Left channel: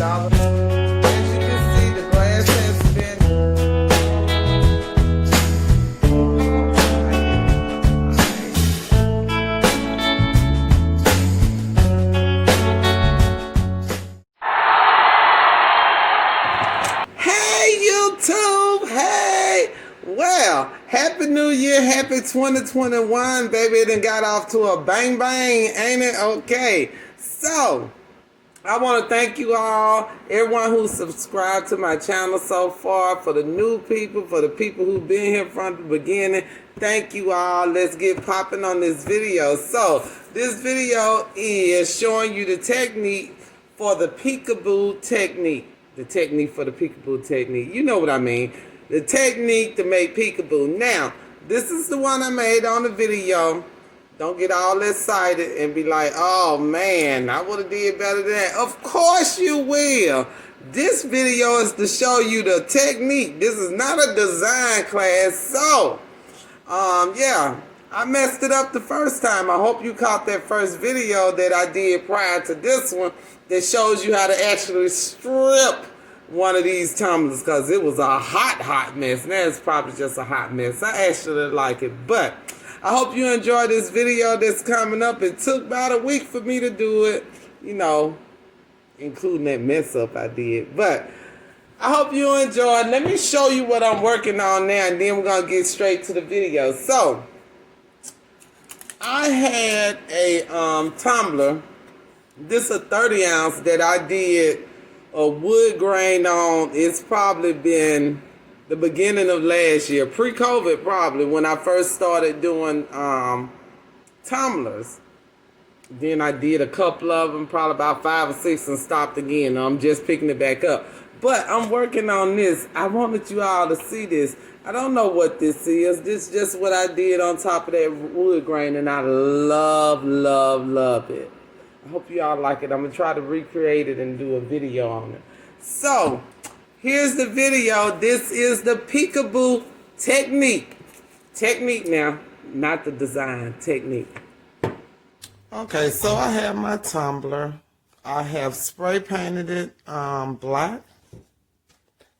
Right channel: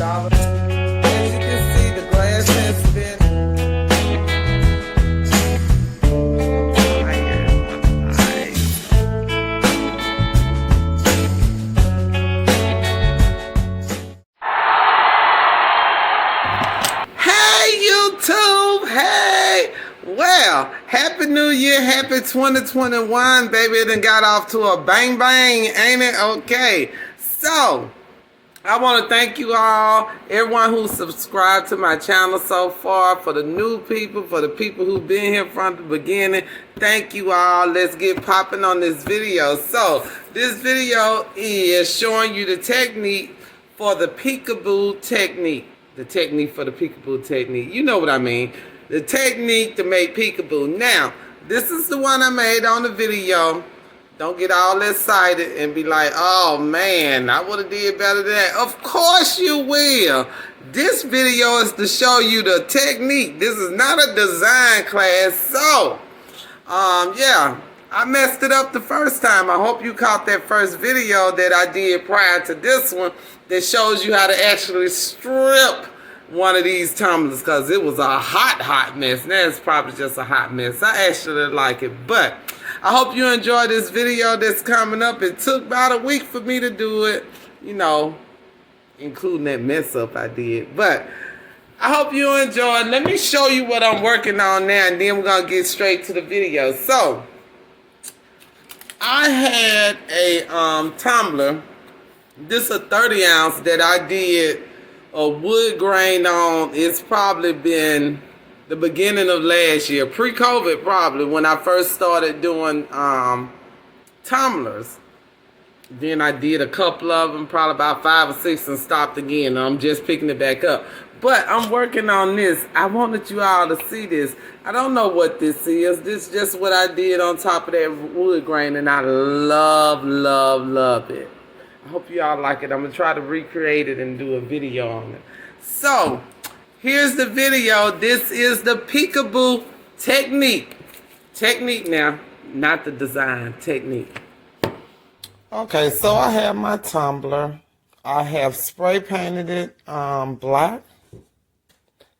$1. As you can see, the glass has been YouTube. Hey, well, happy new year, happy 2021, baby. It done got off to a bang bang, ain't it? Okay, so I want to thank you all, everyone who subscribed to my channel so far, for the new people, for the people who've been here from the beginning. Thank you all. Let's get popping on this video. So this video is showing you the technique for the peekaboo technique. The technique for the peekaboo technique. You know what I mean. The technique to make peekaboo. Now, this is the one I made on the video. Don't get all excited and be like, oh man, I would have did better than that. Of course you will. This video is to show you the technique. This is not a design class. So, yeah, I messed it up the first time. I hope you caught that first video that I did prior to this one that shows you how to actually strip one of these tumblers, because it was a hot mess. Now it's probably just a hot mess. I actually like it, but I hope you enjoy this video that's coming up. It took about a week for me to do it, you know, including that mess up I did, but I hope you enjoy. Let me show you what I'm working on now, and then we're gonna get straight to the video. So I had a tumbler. This is a 30 ounce that I did a wood grain on. It's probably been the beginning of last year, pre-COVID probably, when I first started doing tumblers. Then I did a couple of them, probably about 5 or 6, and stopped again. I'm just picking it back up. But I'm working on this. I wanted you all to see this. I don't know what this is. This is just what I did on top of that wood grain, and I love it. I hope you all like it. I'm going to try to recreate it and do a video on it. So, here's the video. This is the peekaboo technique. Technique now, not the design. Technique. Okay, so I have my tumbler. I have spray painted it black.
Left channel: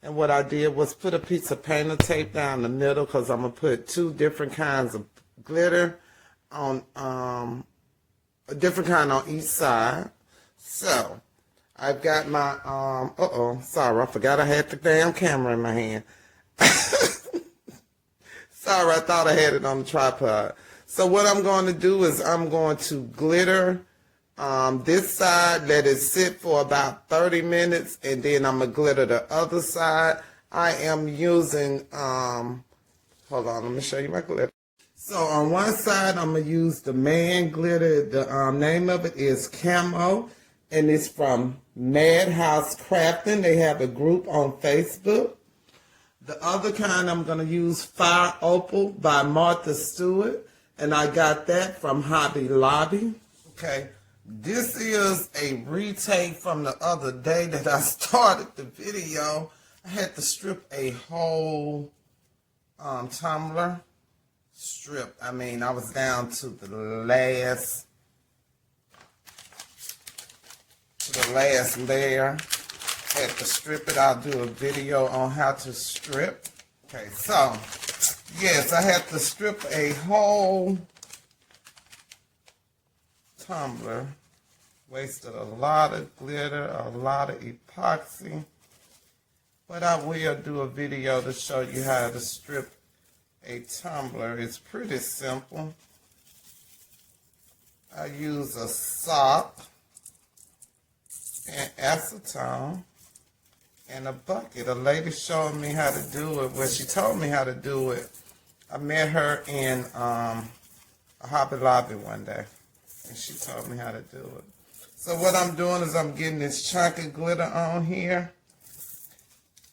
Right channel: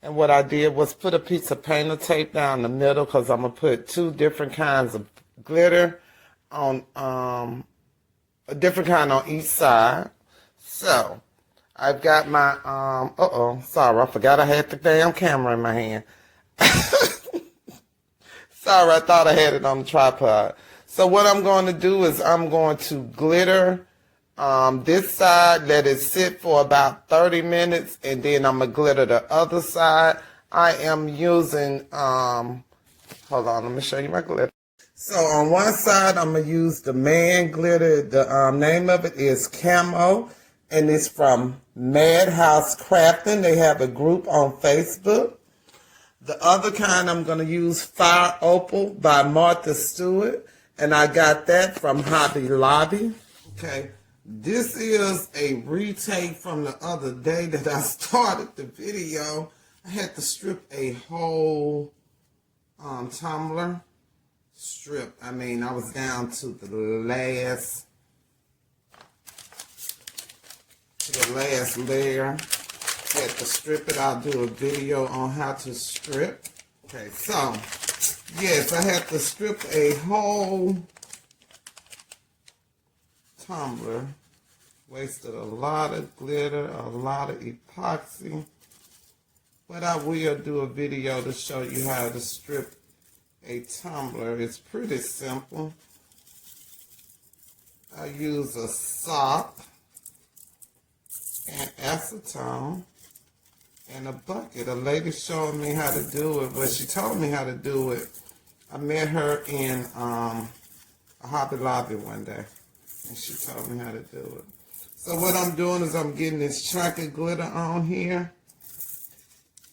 And what I did was put a piece of painter tape down the middle, because I'm going to put 2 different kinds of glitter on a different kind on each side. So I've got my sorry, I forgot I had the damn camera in my hand. Sorry, I thought I had it on the tripod. So what I'm going to do is I'm going to glitter this side, let it sit for about 30 minutes, and then I'm going to glitter the other side. I am using, hold on, let me show you my glitter. So on one side, I'm going to use the Man glitter. The name of it is Camo, and it's from Madhouse Crafting. They have a group on Facebook. The other kind, I'm going to use Fire Opal by Martha Stewart, and I got that from Hobby Lobby. Okay, this is a retake from the other day that I started the video. I had to strip a whole tumbler. Strip. I mean, I was down to the last layer. Had to strip it. I'll do a video on how to strip. Okay, so yes, I had to strip a whole tumbler. Wasted a lot of glitter, a lot of epoxy, but I will do a video to show you how to strip a tumbler. It's pretty simple. I use a sock and acetone and a bucket. A lady showed me how to do it. Well, she told me how to do it. I met her in a Hobby Lobby one day, and she told me how to do it. So what I'm doing is I'm getting this chunk of glitter on here,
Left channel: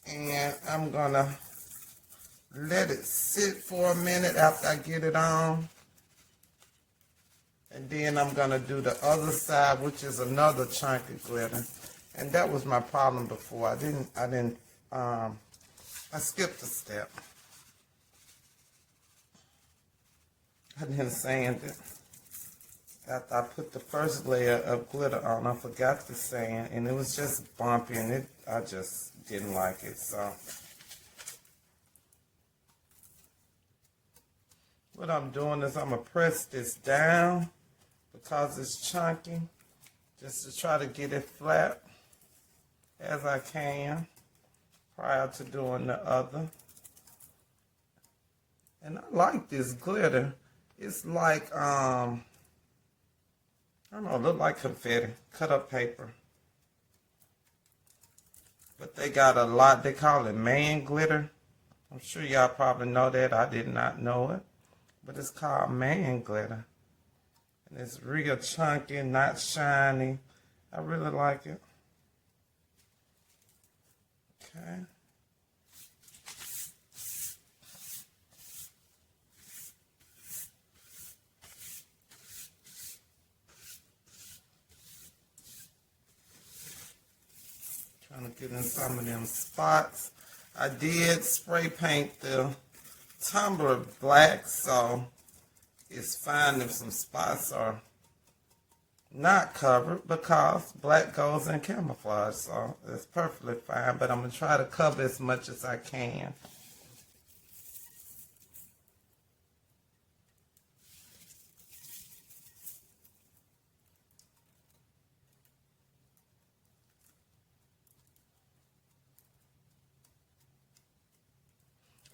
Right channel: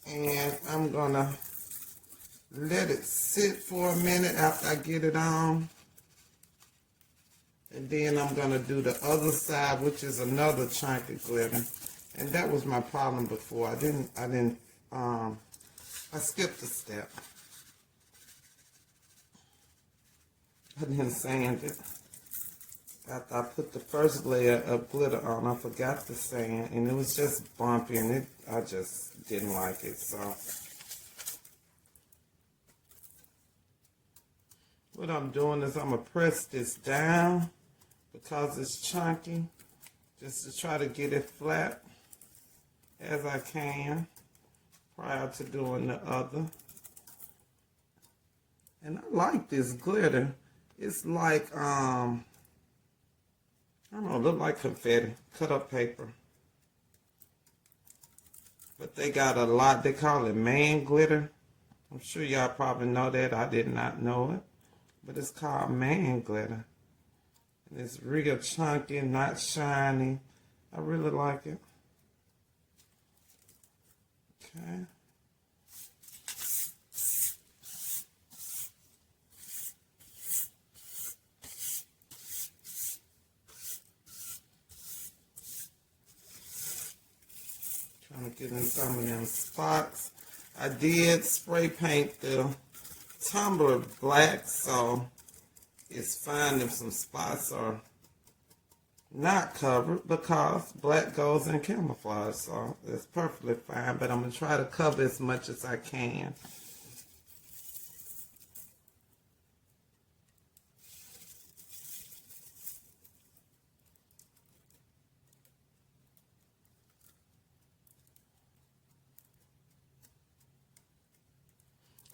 and I'm gonna let it sit for a minute after I get it on. And then I'm going to do the other side, which is another chunk of glitter. And that was my problem before. I skipped a step. I didn't sand it. after I put the first layer of glitter on, I forgot the sand, and it was just bumpy, and I just didn't like it. So what I'm doing is I'm gonna press this down because it's chunky, just to try to get it flat as I can prior to doing the other. And I like this glitter. It's like I don't know, look like confetti, cut up paper. But they got a lot, they call it man glitter. I'm sure y'all probably know that. I did not know it. But it's called man glitter. And it's real chunky, not shiny. I really like it. Okay. Trying to get in some of them spots. I did spray paint the Tumbler black, so it's fine if some spots are not covered because black goes in camouflage, so it's perfectly fine, but I'm going to try to cover as much as I can.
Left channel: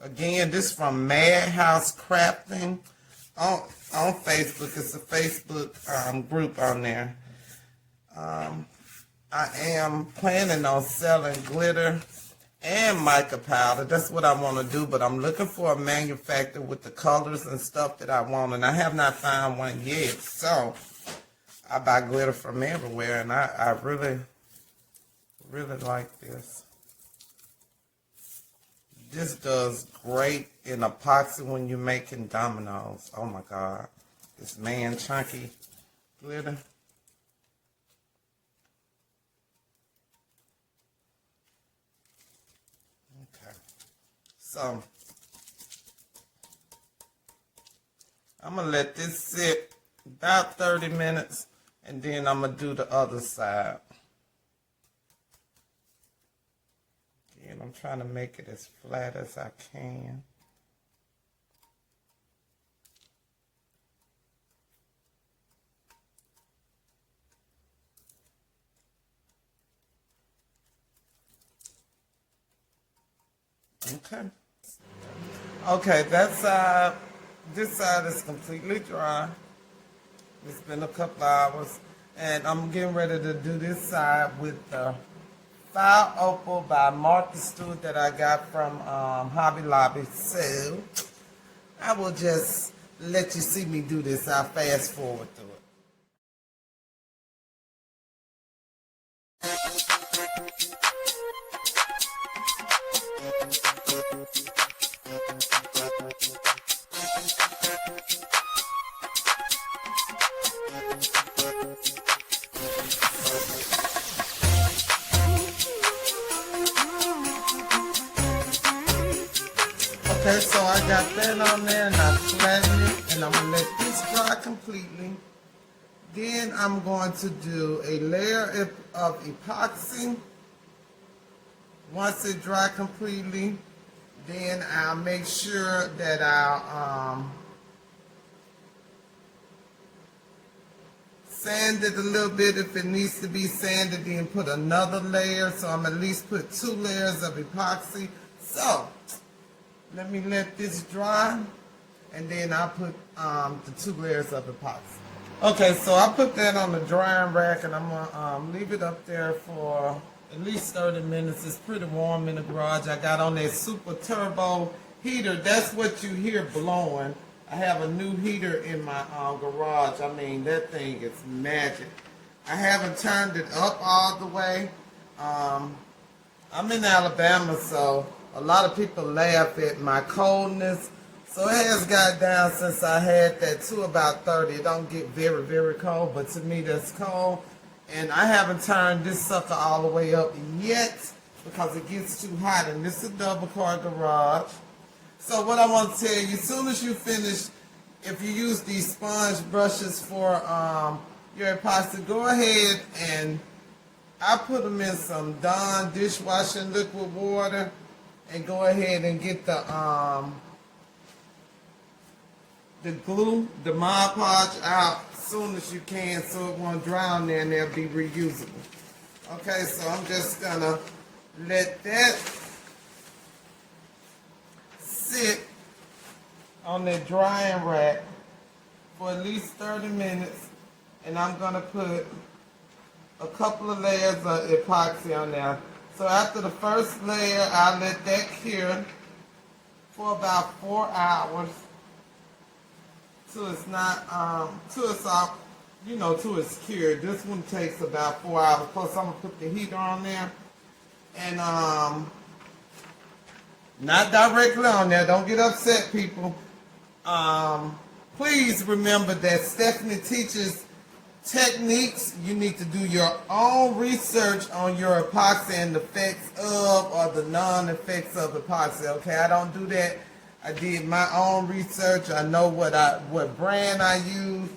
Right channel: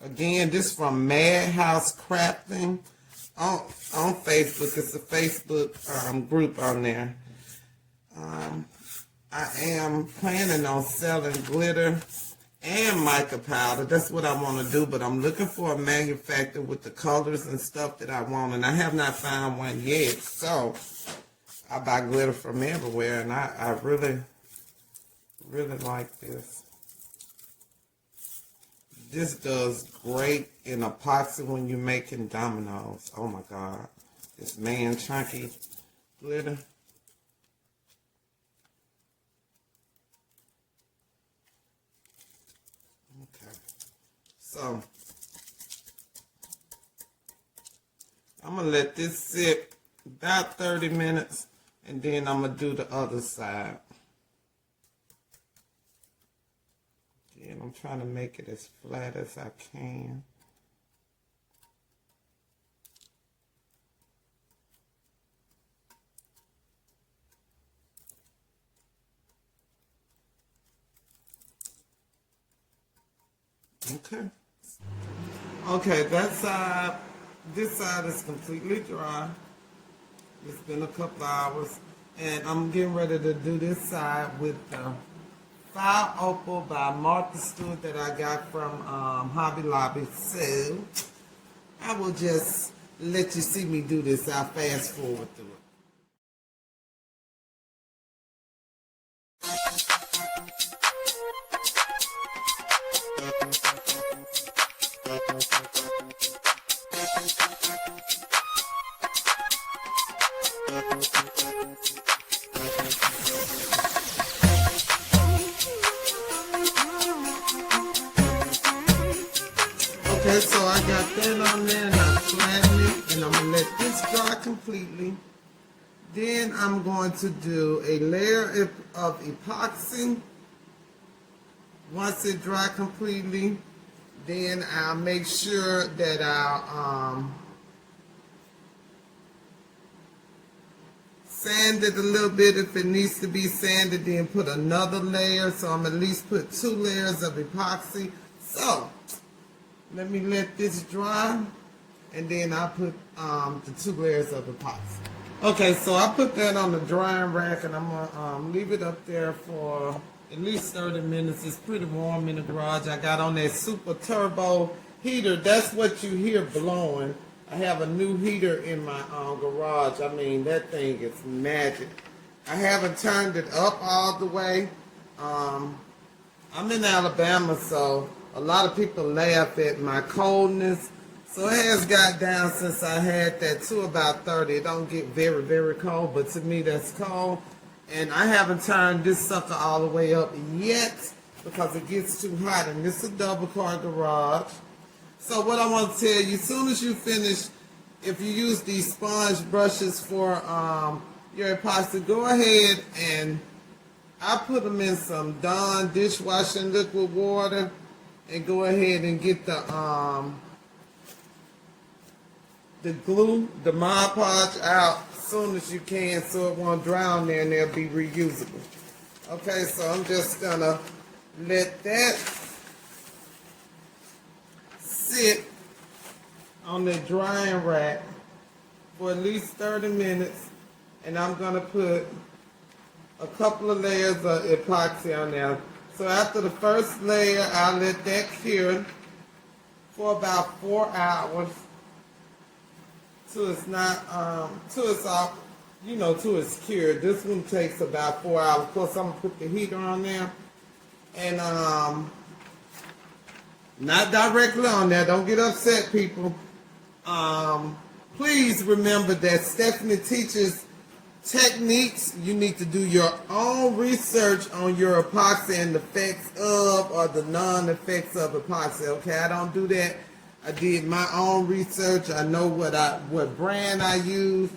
Again, this from Madhouse Crafting on Facebook. It's a Facebook group on there. I am planning on selling glitter and mica powder. That's what I want to do, but I'm looking for a manufacturer with the colors and stuff that I want, and I have not found one yet. So I buy glitter from everywhere, and I really, really like this. This does great in epoxy when you're making dominoes. Oh my God. This man chunky glitter. Okay. So, I'm going to let this sit about 30 minutes, and then I'm going to do the other side. And I'm trying to make it as flat as I can. Okay. Okay, that side, this side is completely dry. It's been a couple hours. And I'm getting ready to do this side with the Fire Opal by Martha Stewart that I got from Hobby Lobby. So I will just let you see me do this. I'll fast forward through it. Okay, so I got that on there and I flattened it, and I'm going to let this dry completely. Then I'm going to do a layer of epoxy. Once it dry completely, then I'll make sure that I'll sand it a little bit if it needs to be sanded, then put another layer. So I'm at least put 2 layers of epoxy. So let me let this dry, and then I'll put the 2 layers of epoxy. Okay, so I put that on the drying rack, and I'm going to leave it up there for at least 30 minutes. It's pretty warm in the garage. I got on that super turbo heater. That's what you hear blowing. I have a new heater in my garage. I mean, that thing is magic. I haven't turned it up all the way. I'm in Alabama, so a lot of people laugh at my coldness. So it has got down since I had that to about 30. It don't get very, very cold, but to me that's cold. And I haven't turned this sucker all the way up yet because it gets too hot. And this is a double car garage. So what I want to tell you, as soon as you finish if you use these sponge brushes for your epoxy, go ahead and I put them in some Dawn dishwashing liquid water and go ahead and get the glue, the Mod Podge out as soon as you can so it won't drown there and they'll be reusable. Okay, so I'm just gonna let that sit on the drying rack for at least 30 minutes, and I'm gonna put a couple of layers of epoxy on there. So after the first layer, I'll let that cure for about 4 hours till it's not, till it's off, you know, till it's cured. This one takes about 4 hours. Plus, I'm gonna put the heater on there, and not directly on there. Don't get upset, people. Please remember that Stephanie teaches techniques. You need to do your own research on your epoxy and the effects of or the non-effects of epoxy. Okay, I don't do that. I did my own research. I know what brand I use.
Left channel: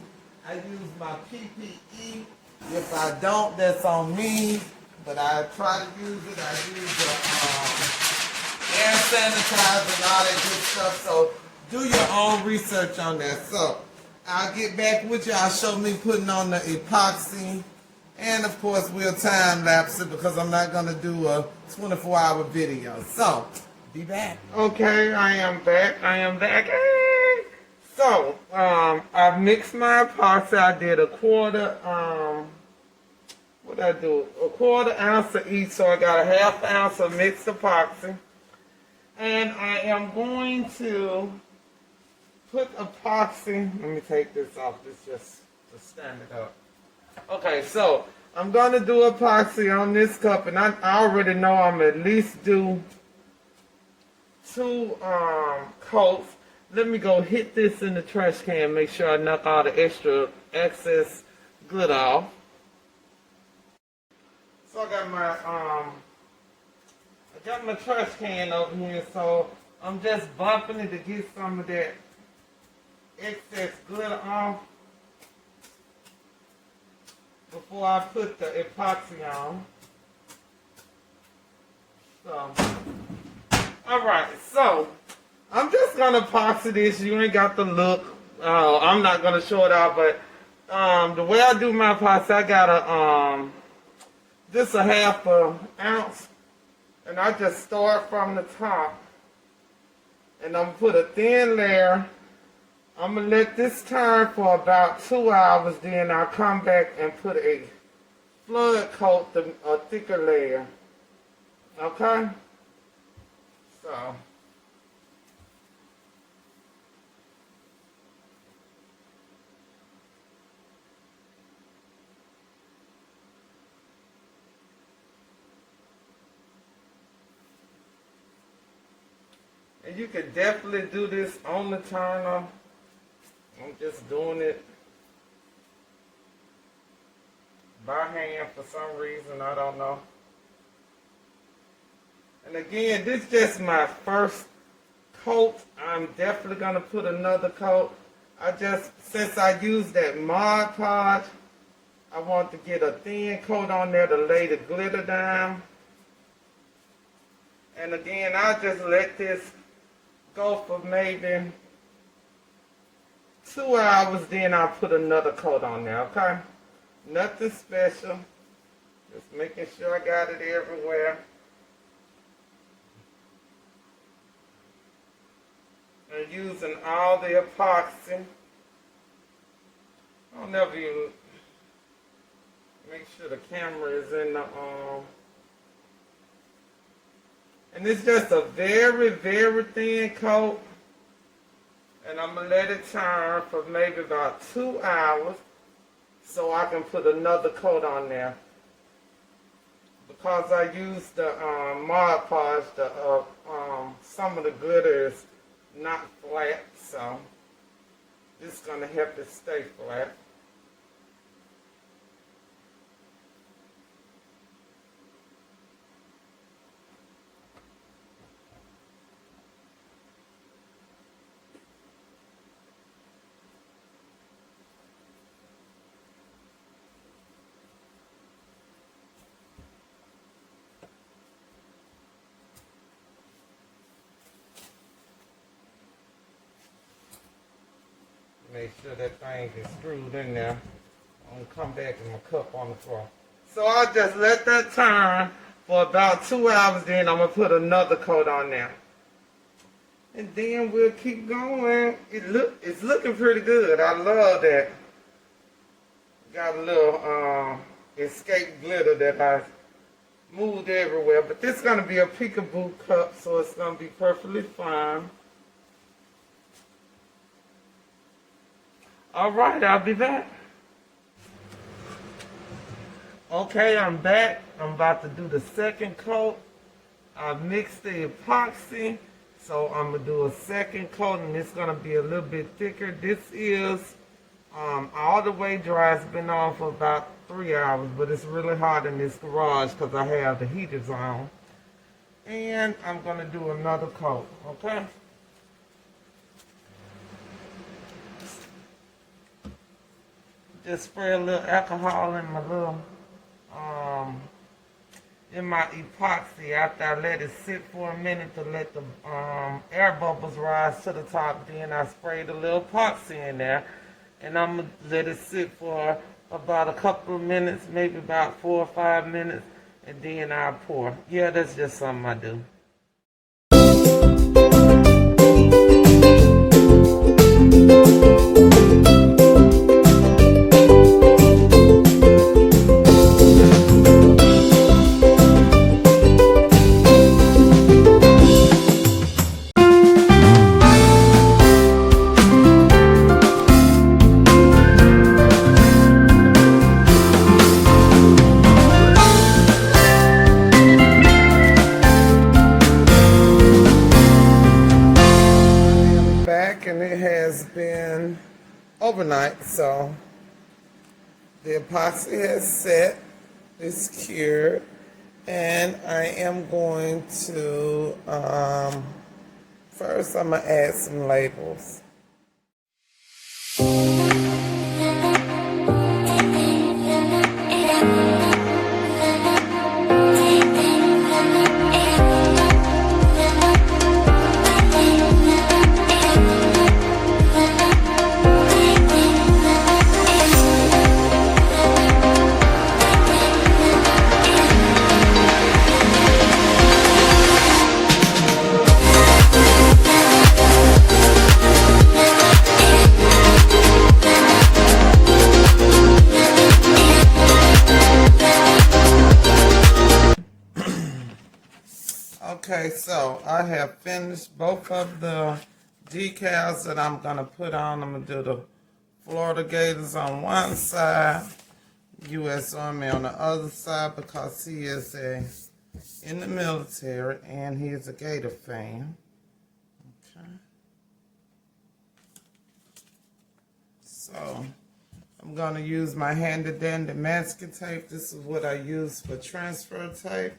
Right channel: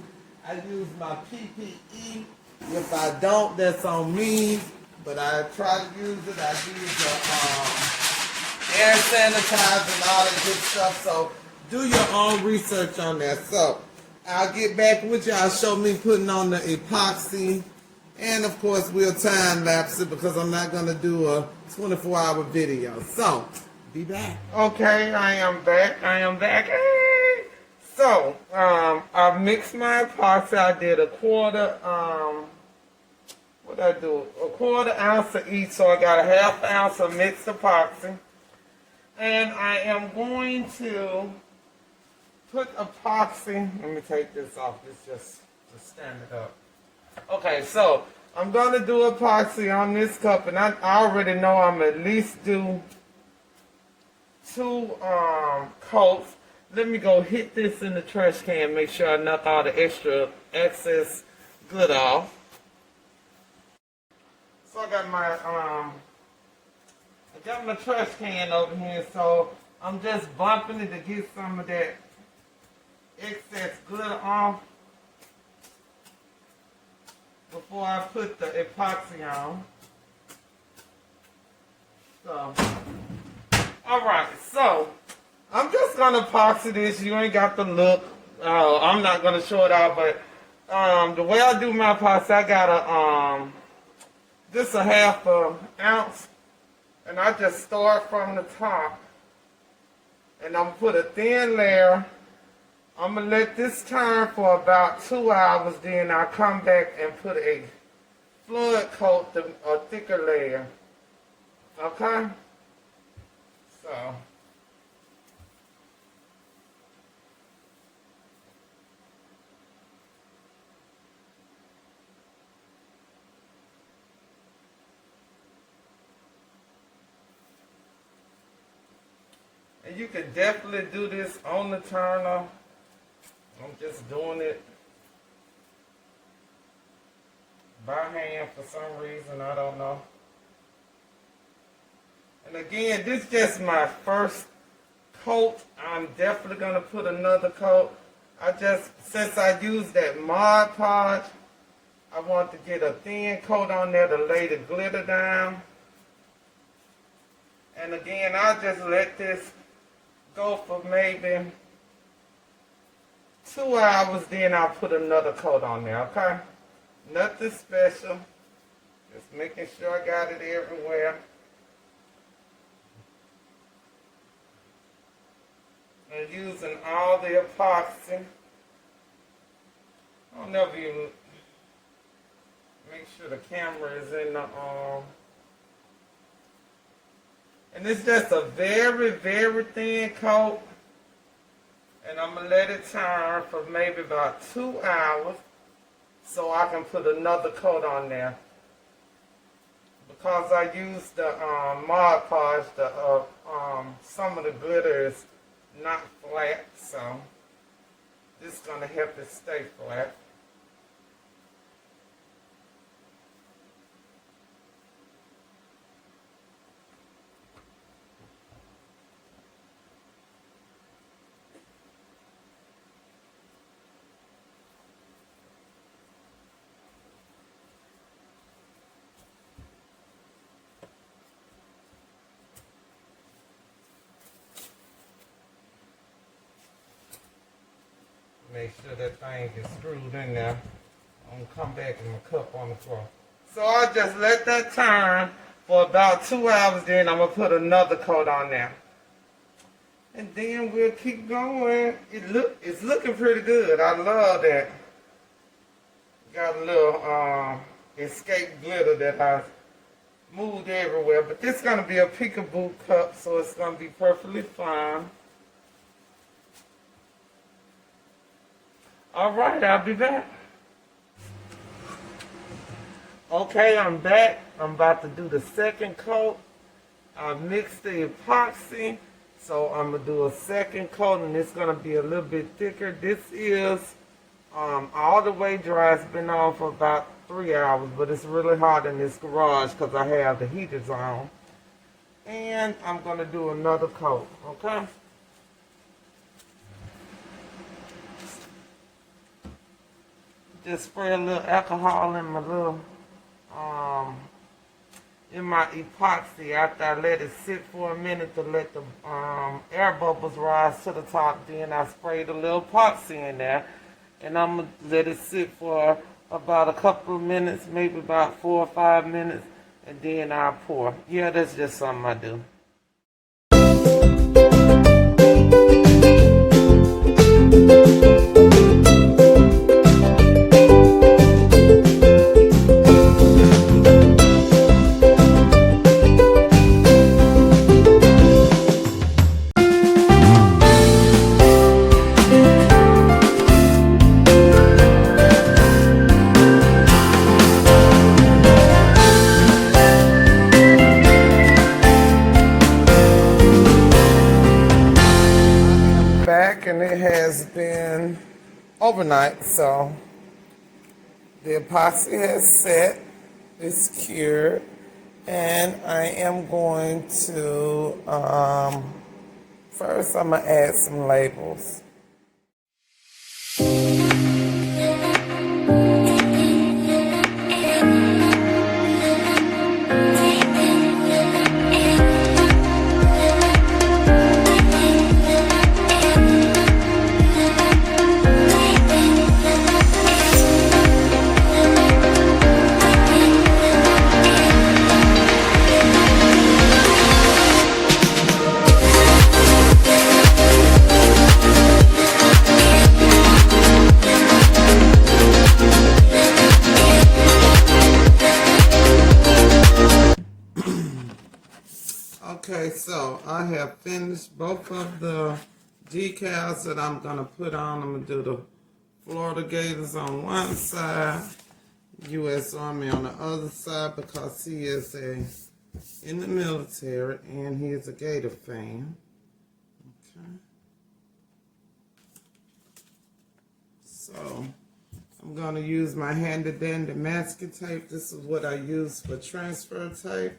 I use my PPE. If I don't, that's on me. But I try to use it. I use the air sanitizer and all that good stuff. So do your own research on that. So I'll get back with you. I'll show me putting on the epoxy. And of course, we'll time lapse it because I'm not going to do a 24-hour video. So, be back. Okay, I am back. So, I've mixed my epoxy. I did a quarter, what did I do? A quarter ounce of each. So I got a half ounce of mixed epoxy. And I am going to put epoxy, let me take this off, this just to stand it up. Okay, so I'm going to do epoxy on this cup, and I already know I'm at least do 2 coats. Let me go hit this in the trash can, make sure I knock all the excess good off. So I got my trash can over here, so I'm just bumping it to get some of that excess good off before I put the epoxy on. So, alright, so I'm just gonna epoxy this. You ain't got to look. I'm not gonna show it out, but the way I do my epoxy, I got just a half an ounce, and I just start from the top, and I'm gonna put a thin layer. I'm going to let this turn for about 2 hours, then I'll come back and put a flood coat, a thicker layer. Okay? So. And you can definitely do this on the turner. I'm just doing it by hand for some reason, I don't know. And again, this is just my first coat. I'm definitely going to put another coat. Since I used that Mod Podge, I want to get a thin coat on there to lay the glitter down. And again, I'll just let this go for maybe 2 hours, then I'll put another coat on there, okay? Nothing special. Just making sure I got it everywhere. And using all the epoxy. I'll never even make sure the camera is in the and it's just a very, very thin coat. And I'm going to let it turn for maybe about 2 hours so I can put another coat on there. Because I used the Mod Podge, some of the glitter is not flat, so this is going to help it stay flat. make sure that thing is screwed in there. I'm gonna come back and my cup on the floor. So I'll just let that turn for about 2 hours, then I'm gonna put another coat on there. And then we'll keep going. It's looking pretty good. I love that. Got a little escape glitter that I moved everywhere. But this is gonna be a peekaboo cup, so it's gonna be perfectly fine. Alright, I'll be back. Okay, I'm back. I'm about to do the second coat. I mixed the epoxy, so I'm going to do a second coat, and it's going to be a little bit thicker. This is all the way dry. It's been on for about 3 hours, but it's really hot in this garage because I have the heaters on. And I'm going to do another coat, okay? Just spray a little alcohol in my little in my epoxy after I let it sit for a minute to let the air bubbles rise to the top. Then I sprayed a little epoxy in there, and I'm gonna let it sit for about a couple of minutes, maybe about 4 or 5 minutes, and then I'll pour. Yeah, that's just something I do. And it has been overnight, so the epoxy has set, it's cured, and I am going to first I'm gonna add some labels. Okay, so I have finished both of the decals that I'm going to put on. I'm going to do the Florida Gators on one side, U.S. Army on the other side, because he is in the military and he is a Gator fan. Okay. So I'm going to use my handy dandy masking tape. This is what I use for transfer tape.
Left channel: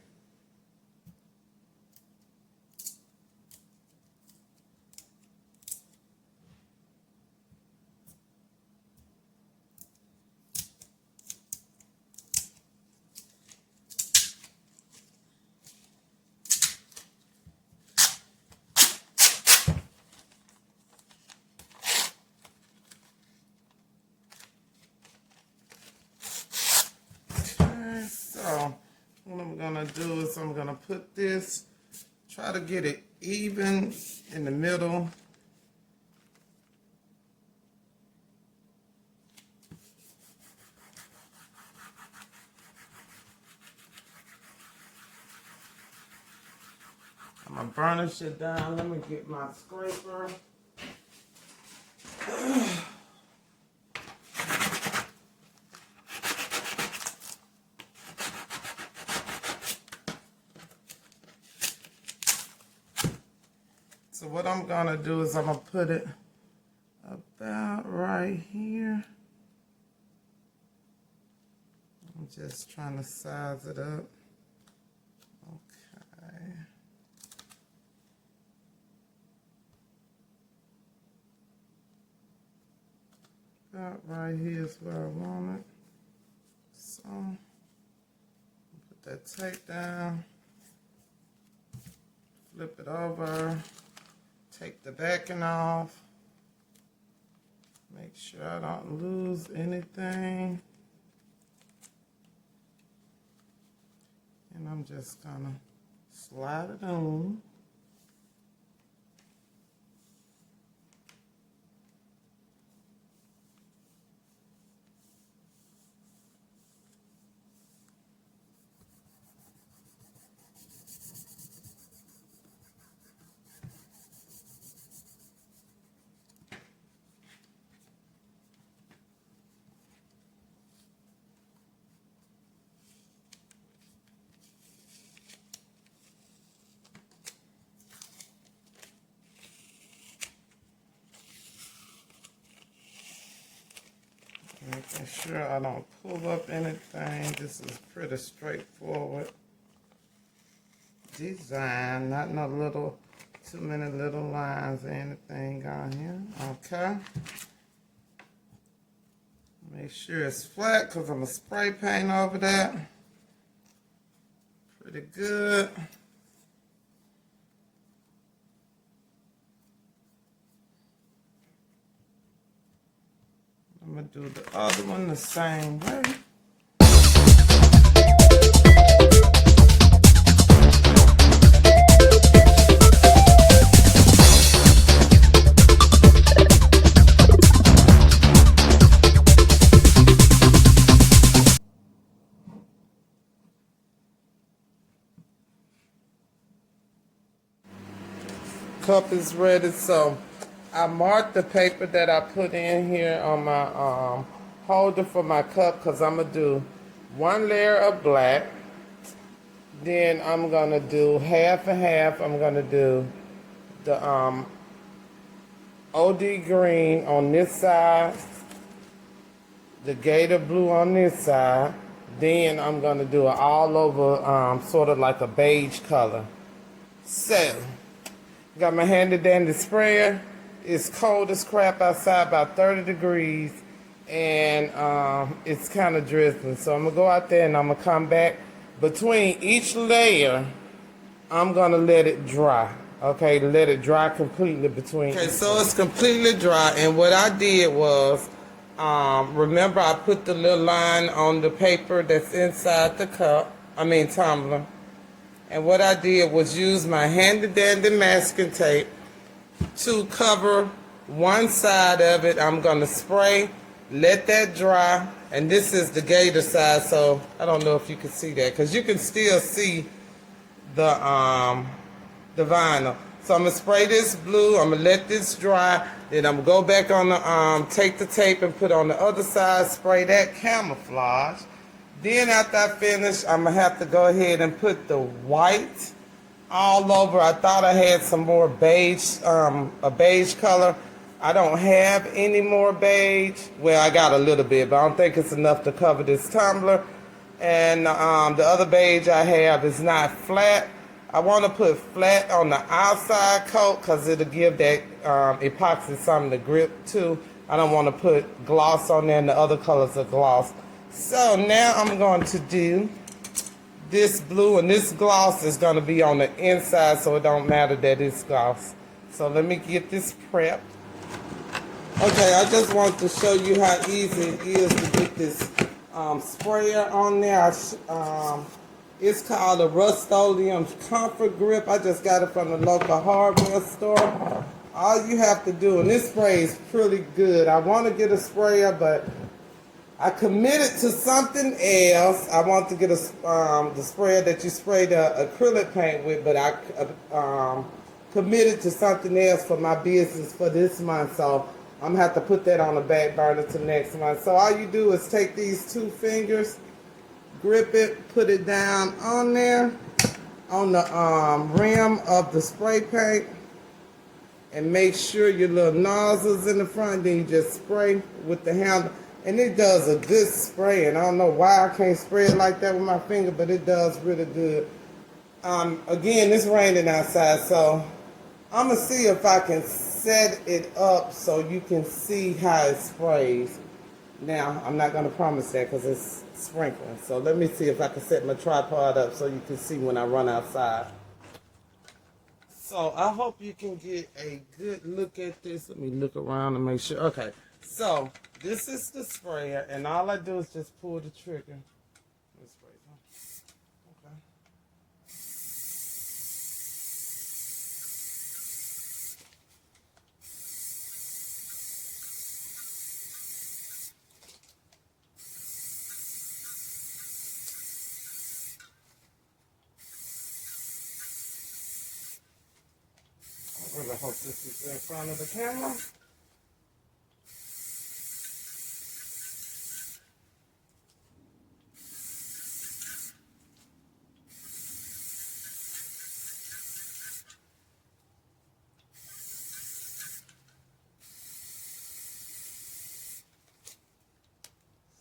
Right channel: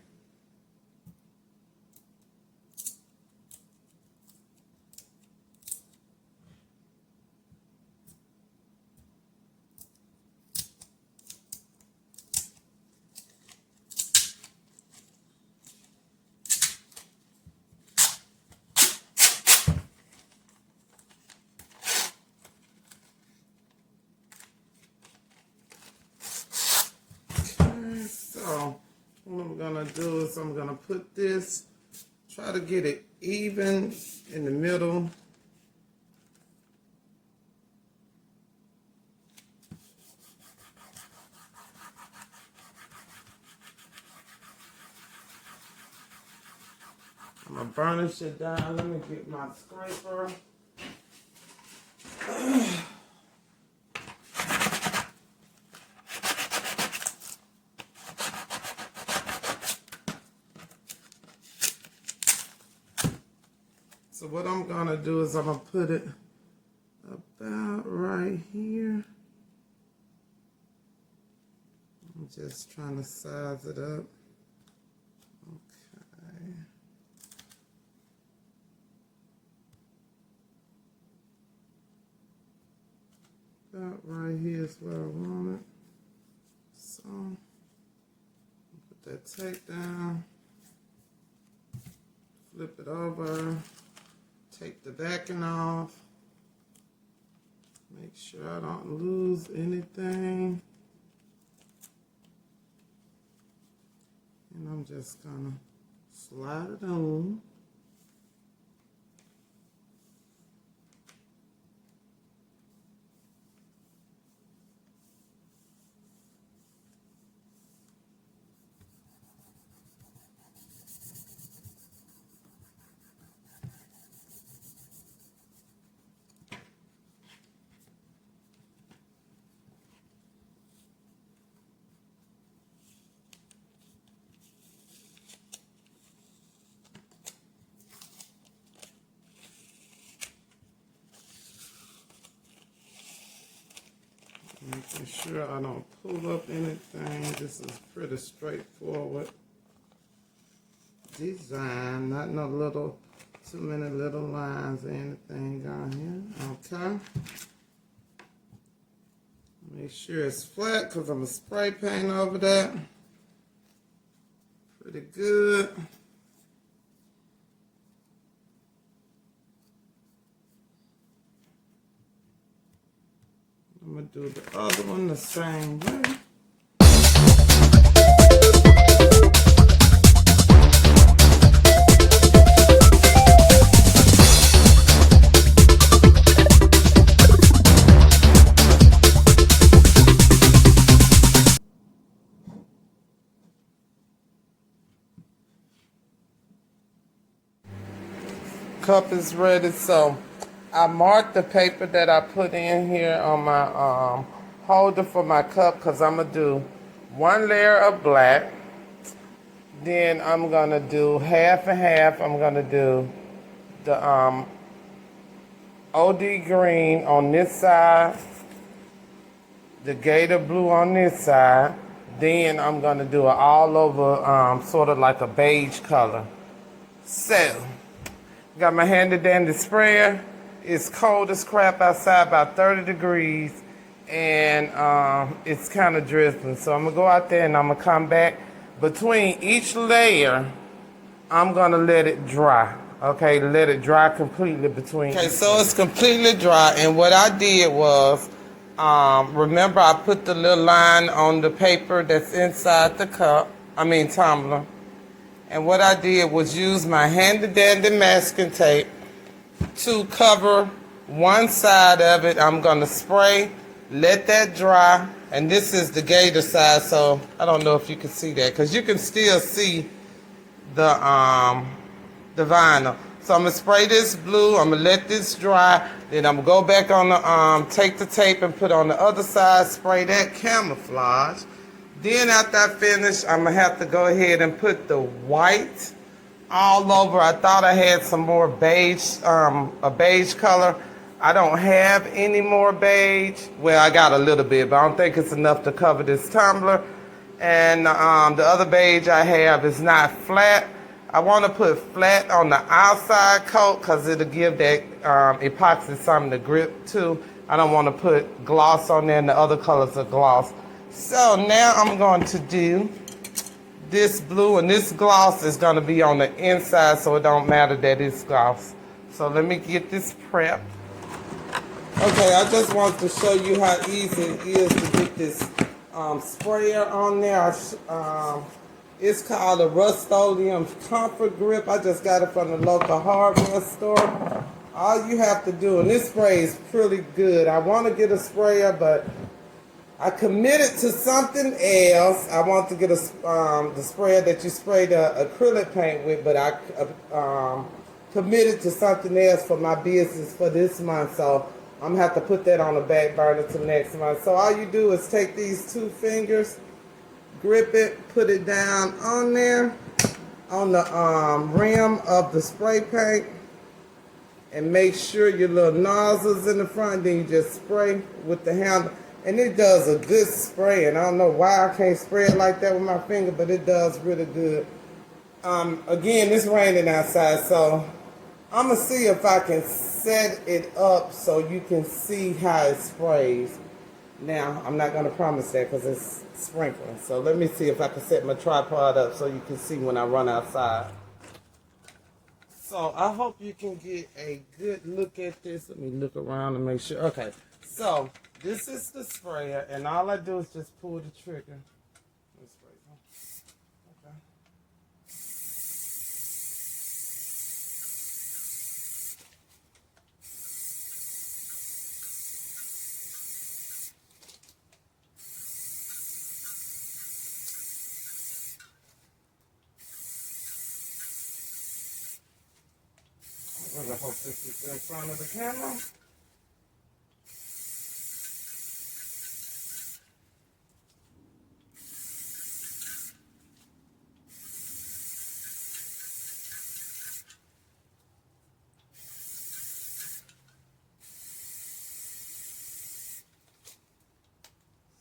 So what I'm gonna do is I'm gonna put this, try to get it even in the middle. I'm gonna burnish it down. Let me get my scraper. So what I'm gonna do is I'm gonna put it about right here. I'm just trying to size it up. Okay. About right here is where I want it. So put that tape down. Flip it over. Take the backing off, Make sure I don't lose anything. And I'm just gonna slide it on. Making sure I don't pull up anything. This is pretty straightforward design, not no little, too many little lines or anything on here. Okay. Make sure it's flat because I'm going to spray paint over that. Pretty good. I'm going to do the other one the same way. Cup is ready, so I marked the paper that I put in here on my holder for my cup because I'm going to do one layer of black. Then I'm going to do half and half. I'm going to do the OD green on this side, the gator blue on this side. Then I'm going to do it all over sort of like a beige color. So, got my handy dandy sprayer. It's cold as crap outside, about 30 degrees, and it's kind of drizzling. So I'm gonna go out there and I'm gonna come back. Between each layer, I'm gonna let it dry. Okay, let it dry completely between. Okay, so it's completely dry, and what I did was, remember I put the little line on the paper that's inside the tumbler. And what I did was use my handy dandy masking tape to cover one side of it. I'm going to spray, let that dry, and this is the gator side, so I don't know if you can see that because you can still see the vinyl. So I'm going to spray this blue, I'm going to let this dry, then I'm going to go back on the, take the tape and put on the other side, spray that camouflage. Then after I finish, I'm going to have to go ahead and put the white all over. I thought I had some more beige, a beige color. I don't have any more beige. Well, I got a little bit, but I don't think it's enough to cover this tumbler. And the other beige I have is not flat. I want to put flat on the outside coat because it'll give that epoxy something to grip to. I don't want to put gloss on there, and the other colors are gloss. So now I'm going to do this blue, and this gloss is going to be on the inside, so it don't matter that it's gloss. So let me get this prepped. Okay, I just want to show you how easy it is to get this sprayer on there. It's called a Rust-Oleum Comfort Grip. I just got it from the local hardware store. All you have to do, and this spray is pretty good. I want to get a sprayer, but I committed to something else. I want to get the sprayer that you spray the acrylic paint with, but I committed to something else for my business for this month. So I'm going to have to put that on the back burner to next month. So all you do is take these two fingers, grip it, put it down on there, on the rim of the spray paint, and make sure your little nozzle's in the front. Then you just spray with the handle. And it does a good spray, and I don't know why I can't spray it like that with my finger, but it does really good. Again, it's raining outside, so I'm going to see if I can set it up so you can see how it sprays. Now, I'm not going to promise that because it's sprinkling. So let me see if I can set my tripod up so you can see when I run outside. So I hope you can get a good look at this. Let me look around and make sure. Okay. So this is the sprayer, and all I do is just pull the trigger. Okay. I really hope this is in front of the camera.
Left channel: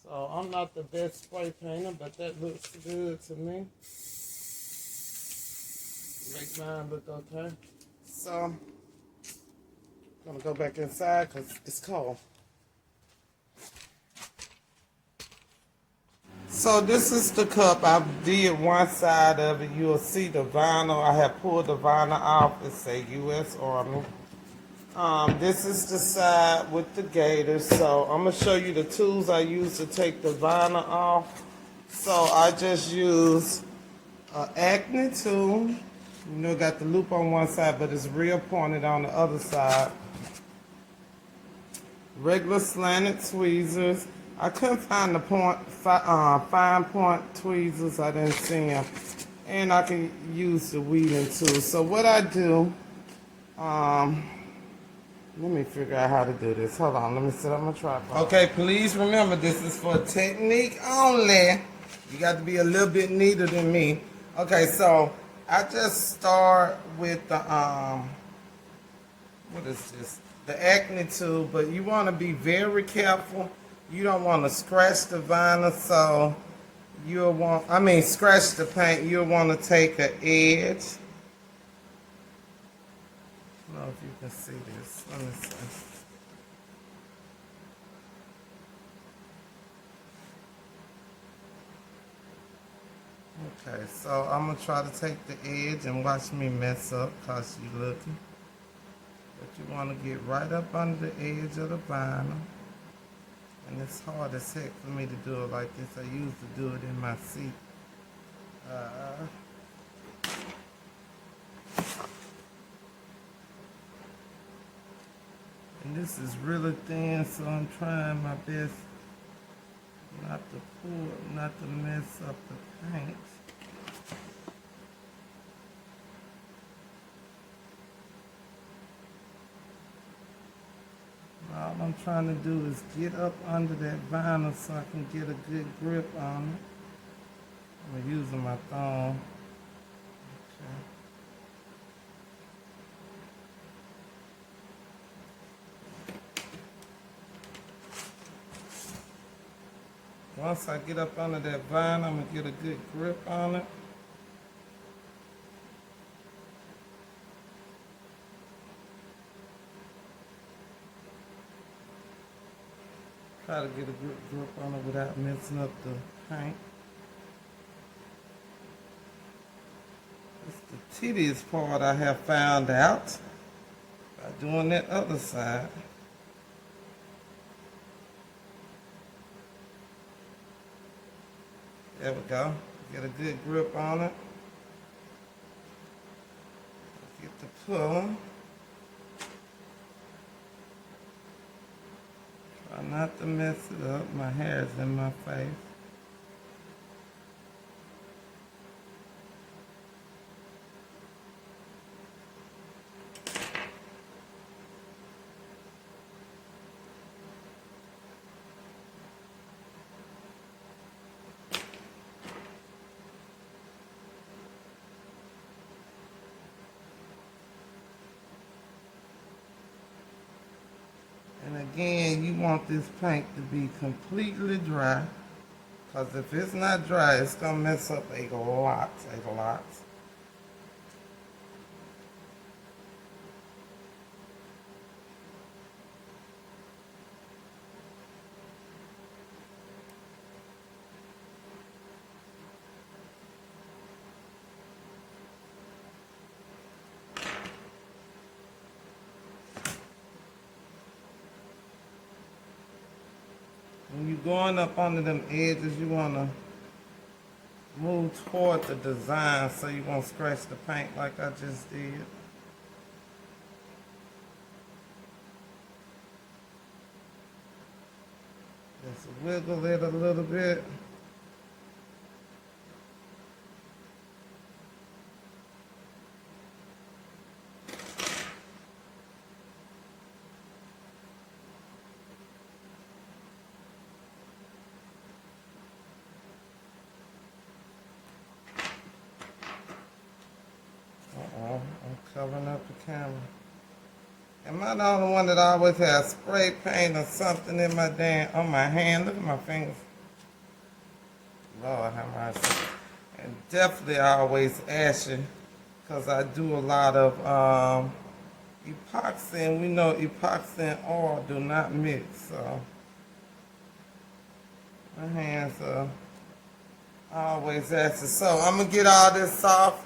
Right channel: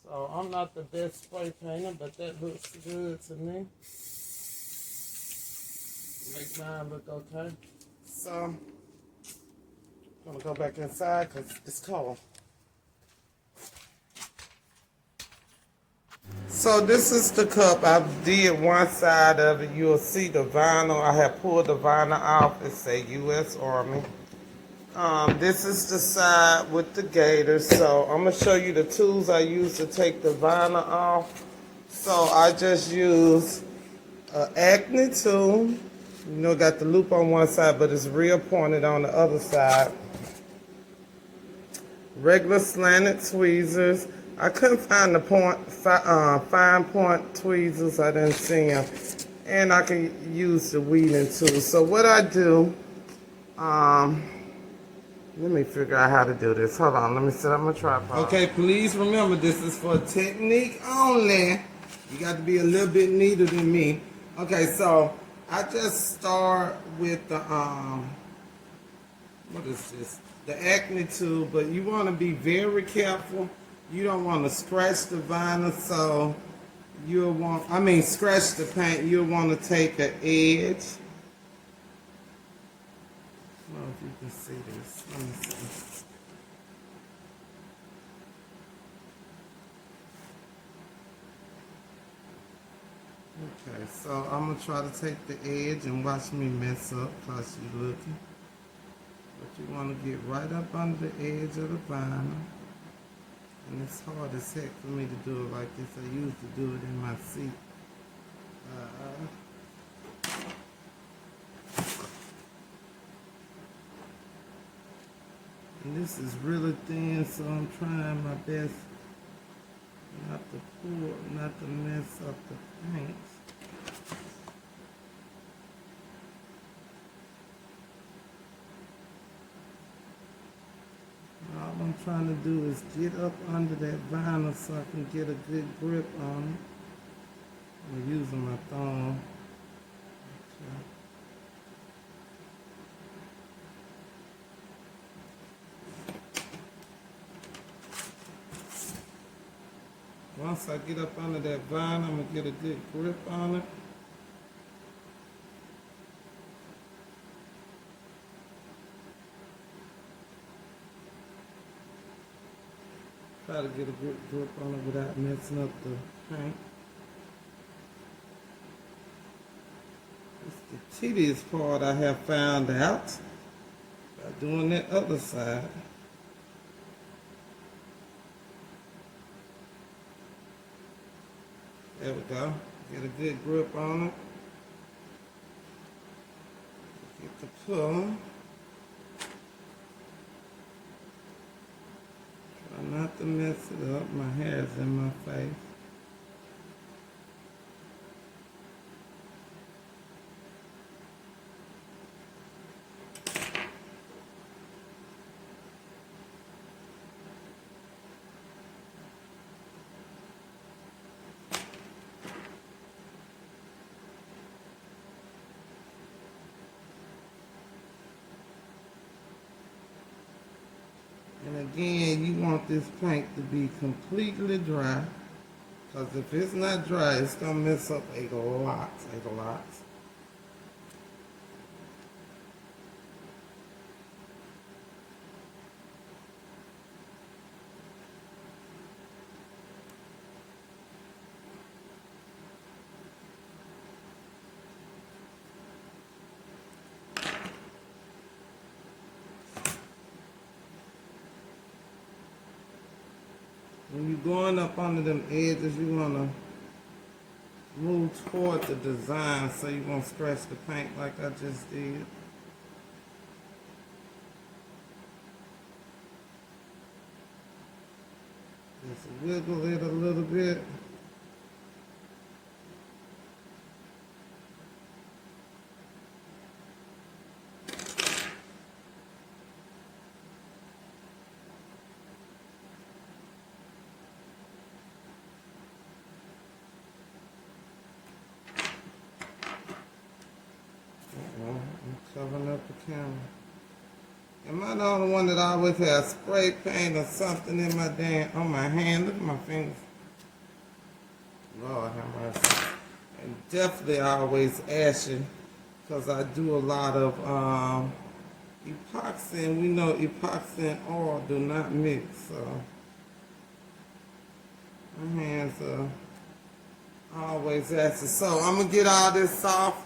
So I'm not the best spray painter, but that looks good to me. Make mine look okay. So I'm gonna go back inside because it's cold. So this is the cup. I did one side of it. You'll see the vinyl. I have pulled the vinyl off. It say U.S. Army. This is the side with the gator. So I'm gonna show you the tools I use to take the vinyl off. So I just use an Acne tool. You know, got the loop on one side, but it's real pointed on the other side. Regular slanted tweezers. I couldn't find the fine point tweezers. I didn't see them. And I can use the weeding tool. So what I do, let me figure out how to do this. Hold on, let me set up my tripod. Okay, please remember this is for technique only. You got to be a little bit neater than me. Okay, so I just start with the, what is this? The Acne tool, but you want to be very careful. You don't want to scratch the vinyl, so you'll want, scratch the paint. You'll want to take an edge. I don't know if you can see this. Let me see. Okay, so I'm going to try to take the edge and watch me mess up because you're looking. But you want to get right up under the edge of the vinyl. And it's hard as heck for me to do it like this. I used to do it in my seat. And this is really thin, so I'm trying my best not to pull, not to mess up the paint. All I'm trying to do is get up under that vinyl so I can get a good grip on it. I'm using my thumb. Once I get up under that vinyl, I'm going to get a good grip on it. Try to get a good grip on it without messing up the paint. It's the tedious part I have found out by doing that other side. There we go. Get a good grip on it. Get the pull. Try not to mess it up. My hair is in my face. And again, you want this paint to be completely dry, because if it's not dry, it's going to mess up a lot. you going up under them edges, you want to move toward the design so you won't scratch the paint like I just did. Just wiggle it a little bit. I'm covering up the camera. Am I the only one that always has spray paint or something in my on my hand? Look at my fingers. Lord have mercy. And definitely always ashy because I do a lot of epoxy, and we know epoxy and oil do not mix. So my hands are always ashy. So I'm going to get all this off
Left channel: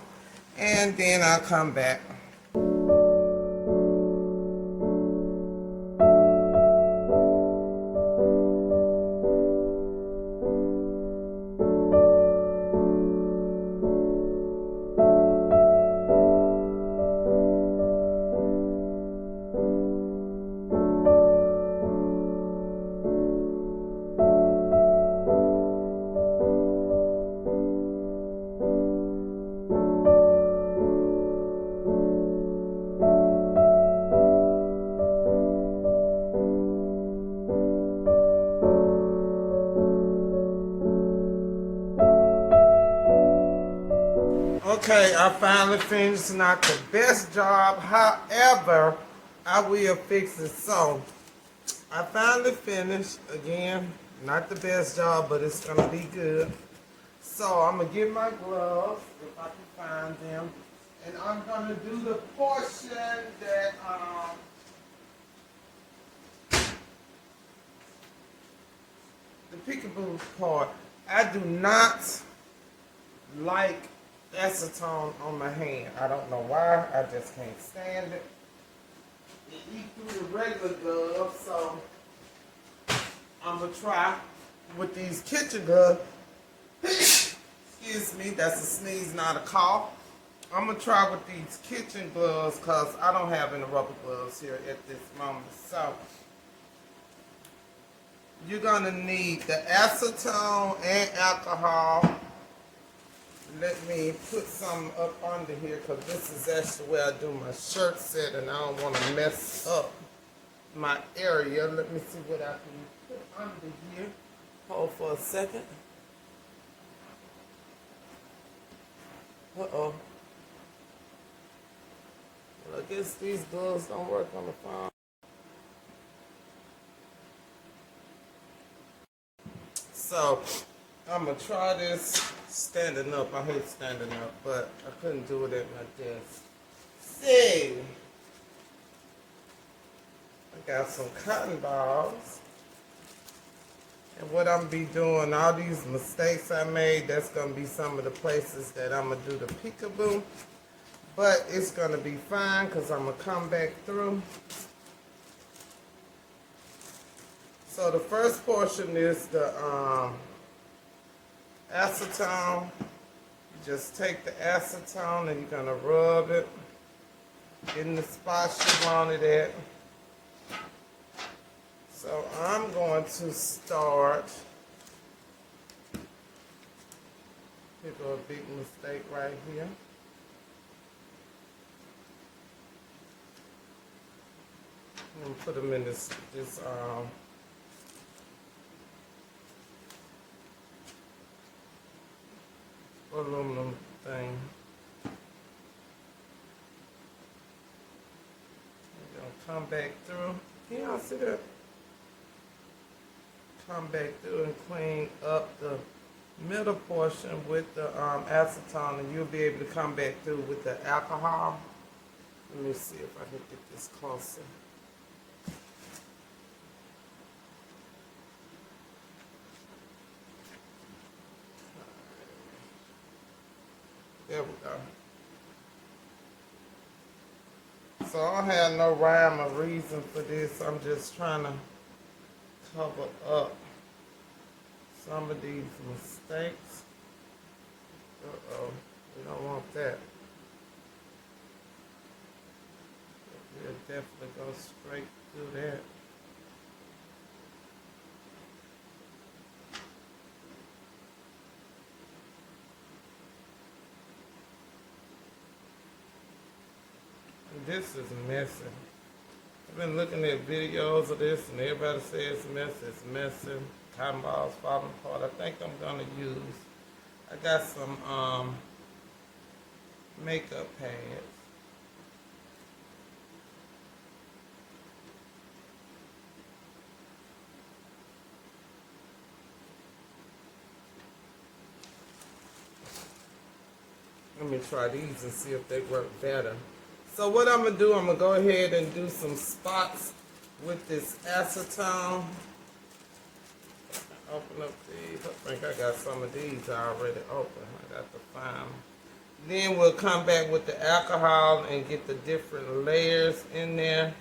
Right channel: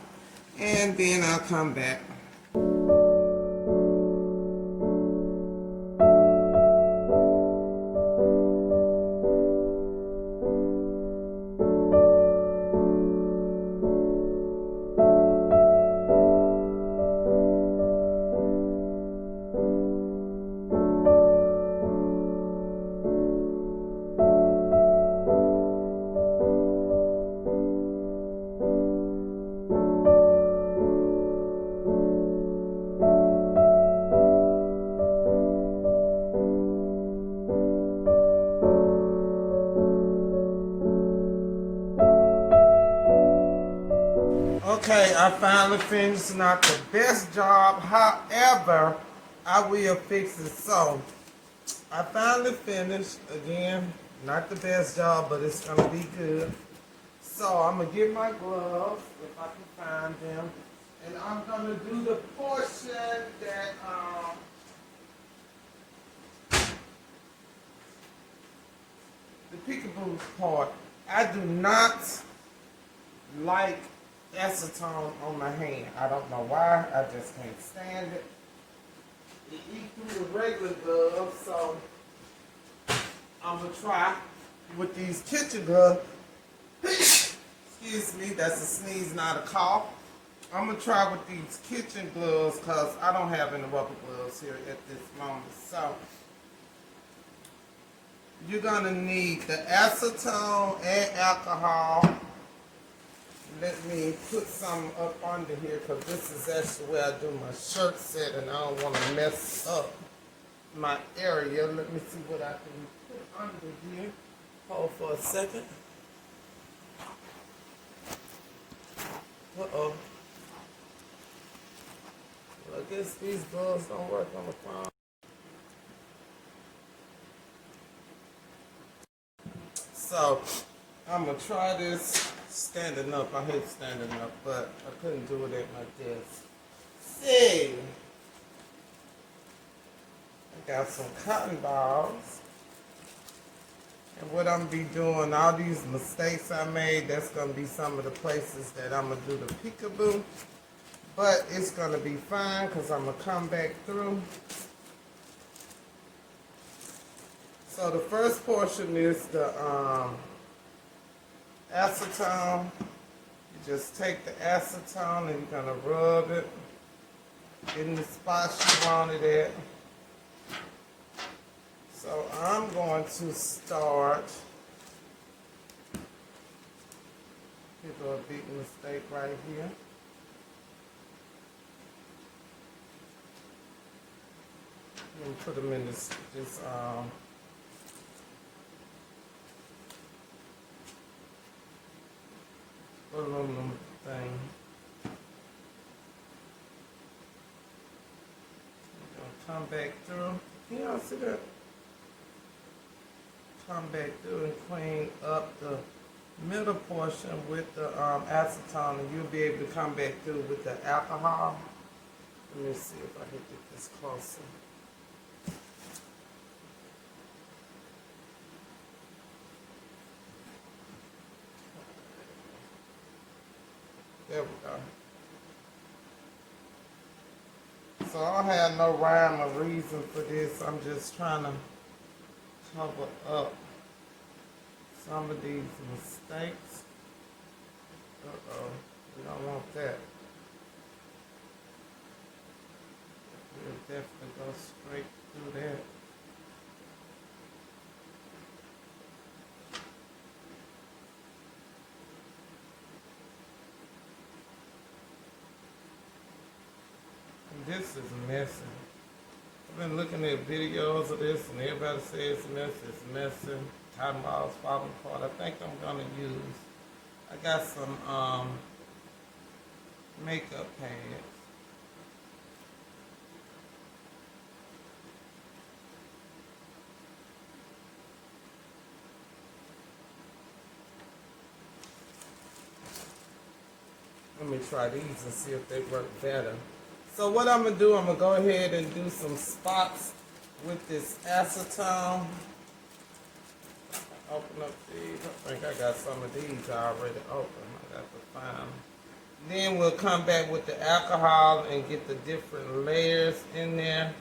and then I'll come back. Okay, I finally finished. Not the best job, however, I will fix it. So, I finally finished. Again, not the best job, but it's going to be good. So, I'm going to get my gloves, if I can find them. And I'm going to do the portion that, the peekaboo part. I do not like acetone on my hand. I don't know why. I just can't stand it. It eats through the regular gloves, so I'm going to try with these kitchen gloves. Excuse me, that's a sneeze, not a cough. I'm going to try with these kitchen gloves because I don't have any rubber gloves here at this moment. So you're going to need the acetone and alcohol. Let me put some up under here because this is actually where I do my shirt set and I don't want to mess up my area. Let me see what I can put under here. Hold for a second. Uh-oh. Well, I guess these gloves don't work on the phone. So, I'm going to try this standing up. I hate standing up, but I couldn't do it at my desk. See, I got some cotton balls. And what I'm be doing, all these mistakes I made, that's going to be some of the places that I'm going to do the peekaboo. But it's going to be fine because I'm going to come back through. So the first portion is the acetone. You just take the acetone and you're going to rub it in the spots you want it at. So I'm going to start. Here go a big mistake right here. And put them in this aluminum thing. I'm gonna come back through. You don't see that? Come back through and clean up the middle portion with the acetone, and you'll be able to come back through with the alcohol. Let me see if I can get this closer. There we go. So I don't have no rhyme or reason for this. I'm just trying to cover up some of these mistakes. Uh-oh, we don't want that. We'll definitely go straight through that. This is messy. I've been looking at videos of this and everybody says it's messy. Cotton balls falling apart. I think I'm gonna use, I got some makeup pads. Let me try these and see if they work better. So what I'm going to do, I'm going to go ahead and do some spots with this acetone. Open up these. I think I got some of these already open. I got to find them. Then we'll come back with the alcohol and get the different layers in there.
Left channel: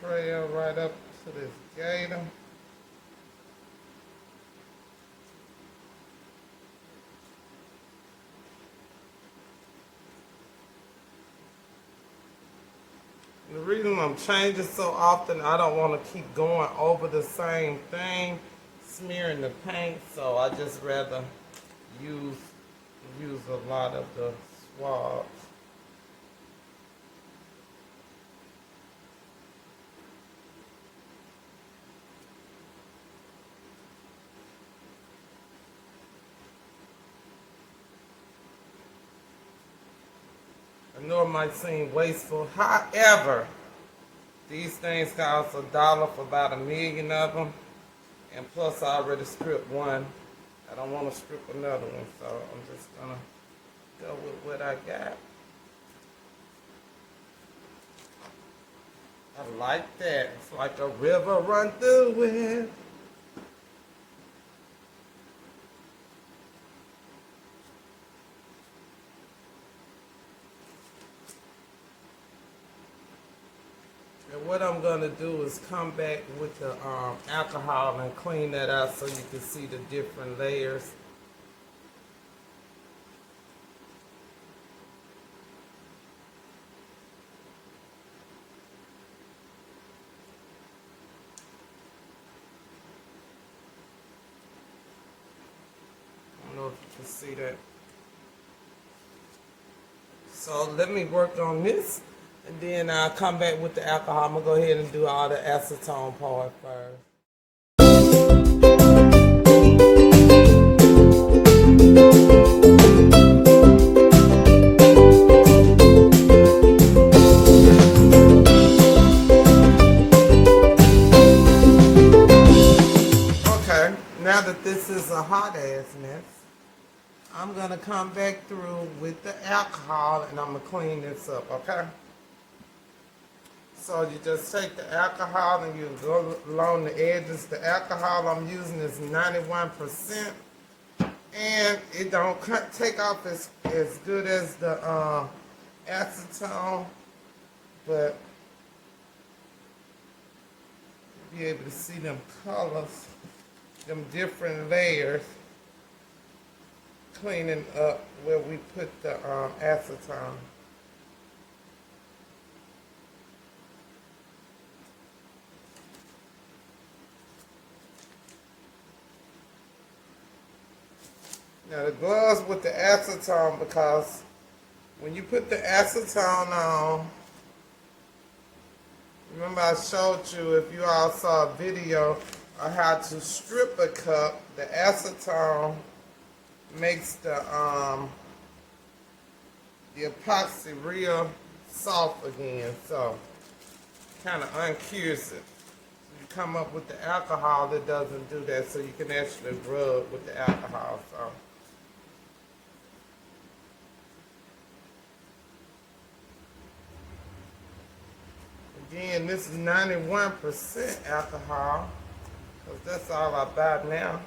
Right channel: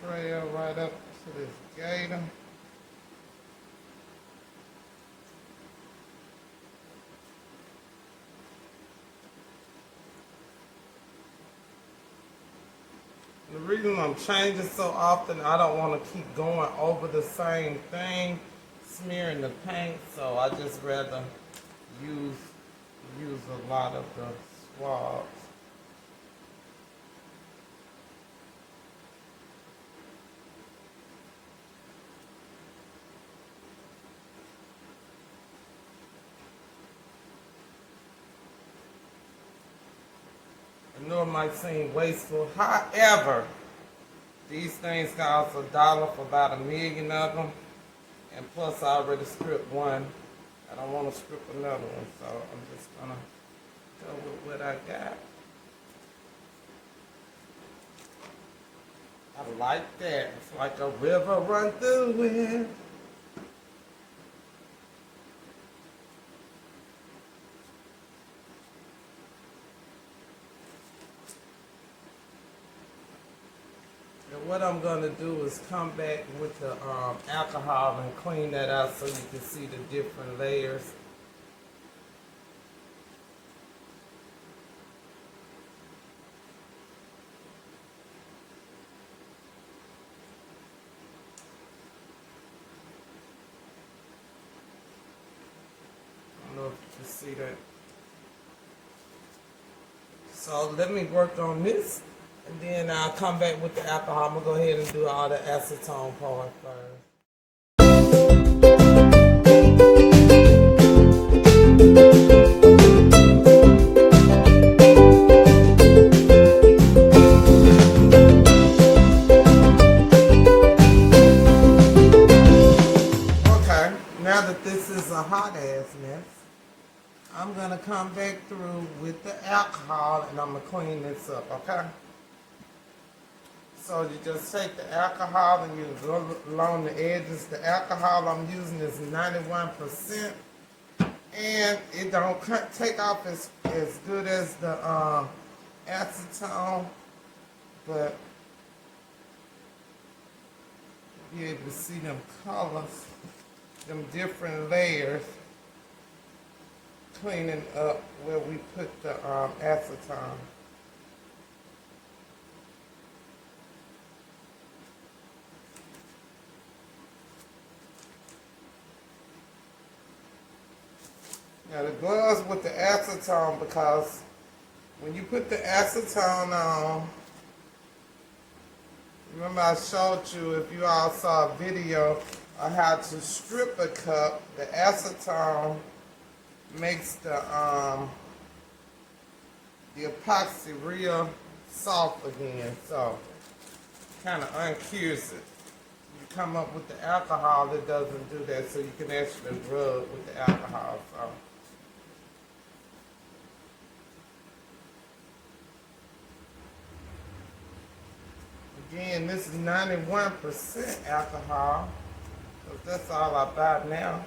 Trail right up to this gator. The reason I'm changing so often, I don't want to keep going over the same thing, smearing the paint, so I just rather use a lot of the swabs. I know it might seem wasteful. However, these things cost $1 for about 1 million of them. And plus I already stripped one. I don't want to strip another one, so I'm just going to go with what I got. I like that. It's like a river run through it. What I'm going to do is come back with the alcohol and clean that out so you can see the different layers. I don't know if you can see that. So let me work on this. And then I'll come back with the alcohol. I'm going to go ahead and do all the acetone part first. Okay, now that this is a hot ass mess, I'm going to come back through with the alcohol and I'm going to clean this up, okay? So you just take the alcohol and you go along the edges. The alcohol I'm using is 91%, and it don't take off as good as the acetone, but you'll be able to see them colors, them different layers, cleaning up where we put the acetone. Now the gloves with the acetone, because when you put the acetone on, remember I showed you, if you all saw a video of how to strip a cup, the acetone makes the epoxy real soft again. So kind of uncures it. You come up with the alcohol that doesn't do that, so you can actually rub with the alcohol. So again, this is 91% alcohol, because that's all I buy now.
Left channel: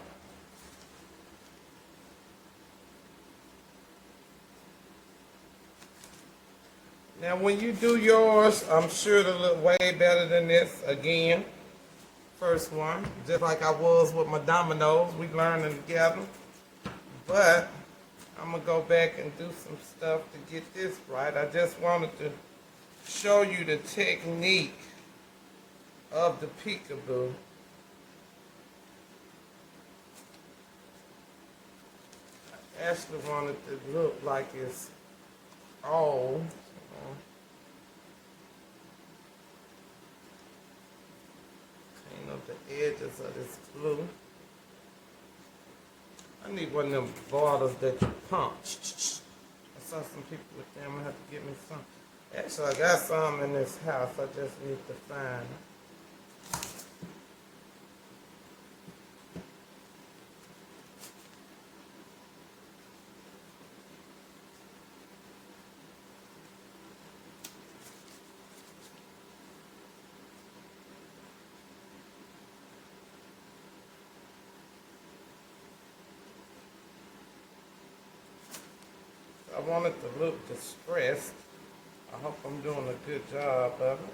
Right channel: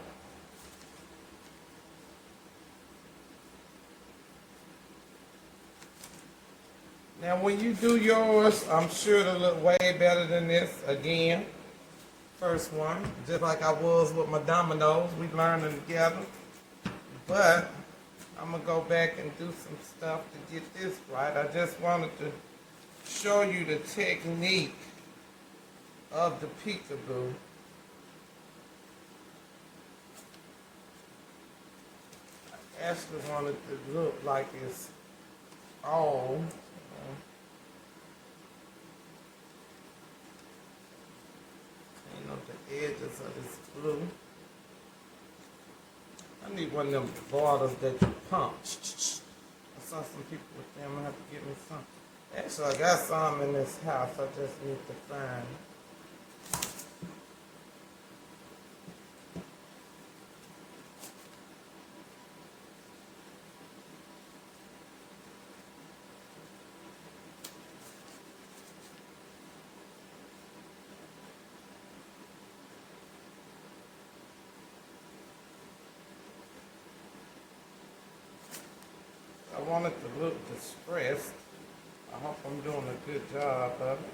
Now, when you do yours, I'm sure it'll look way better than this. Again, first one, just like I was with my dominoes, we learning together. But I'm gonna go back and do some stuff to get this right. I just wanted to show you the technique of the peekaboo. I actually wanted to look like it's all. Clean up the edges of this glue. I need one of them bottles that you pump. I saw some people with them. I'm gonna have to get me some. Actually, I got some in this house. I just need to find them. I want it to look distressed. I hope I'm doing a good job of it.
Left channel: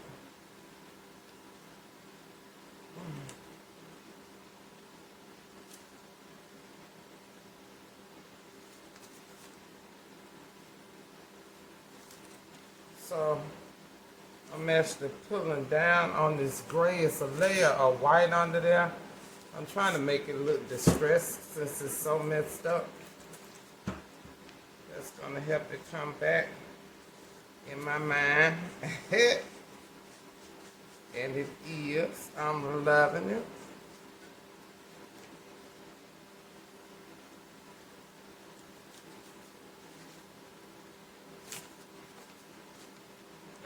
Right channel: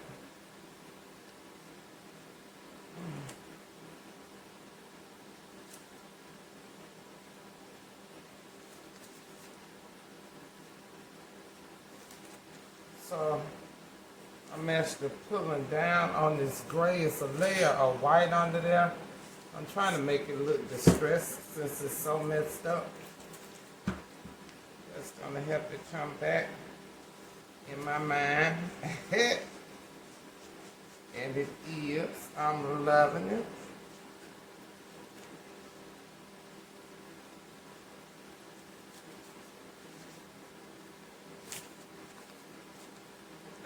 So I'm actually pulling down on this gray. It's a layer of white under there. I'm trying to make it look distressed since it's so messed up. That's going to help it come back in my mind. And it is. I'm loving it.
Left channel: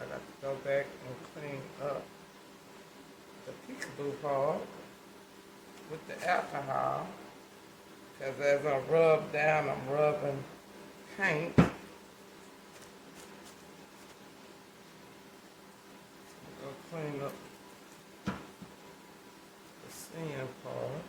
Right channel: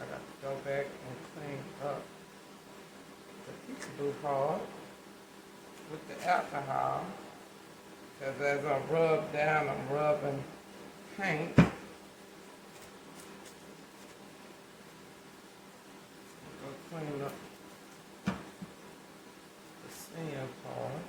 I got to go back and clean up the peekaboo part with the alcohol. Because as I rub down, I'm rubbing paint. Go clean up the sand part.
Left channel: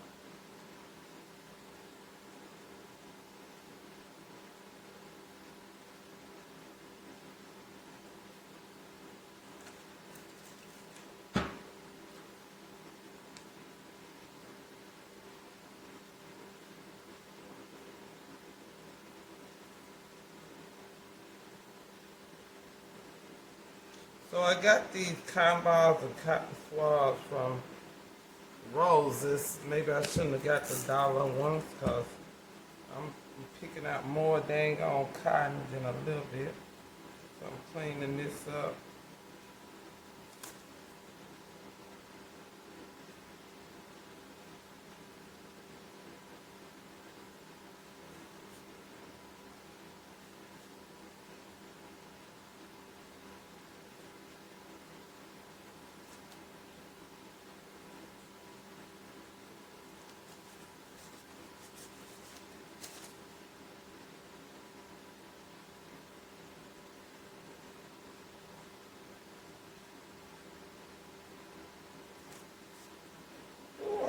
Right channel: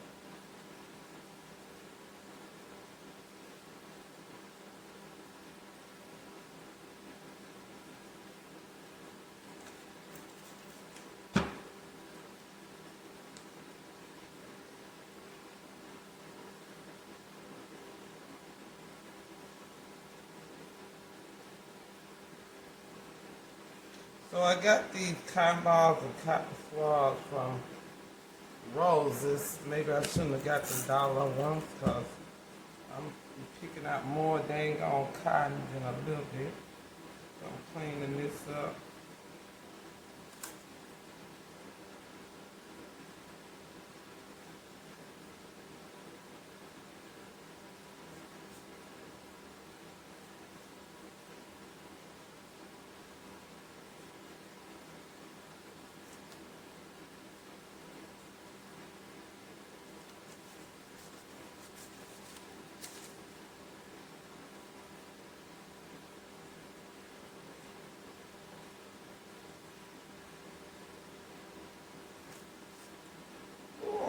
So I got these cotton balls and cotton swabs from Roses. Maybe I shouldn't have got the dollar ones because I'm picking out more dang on cotton than a little bit. So I'm cleaning this up.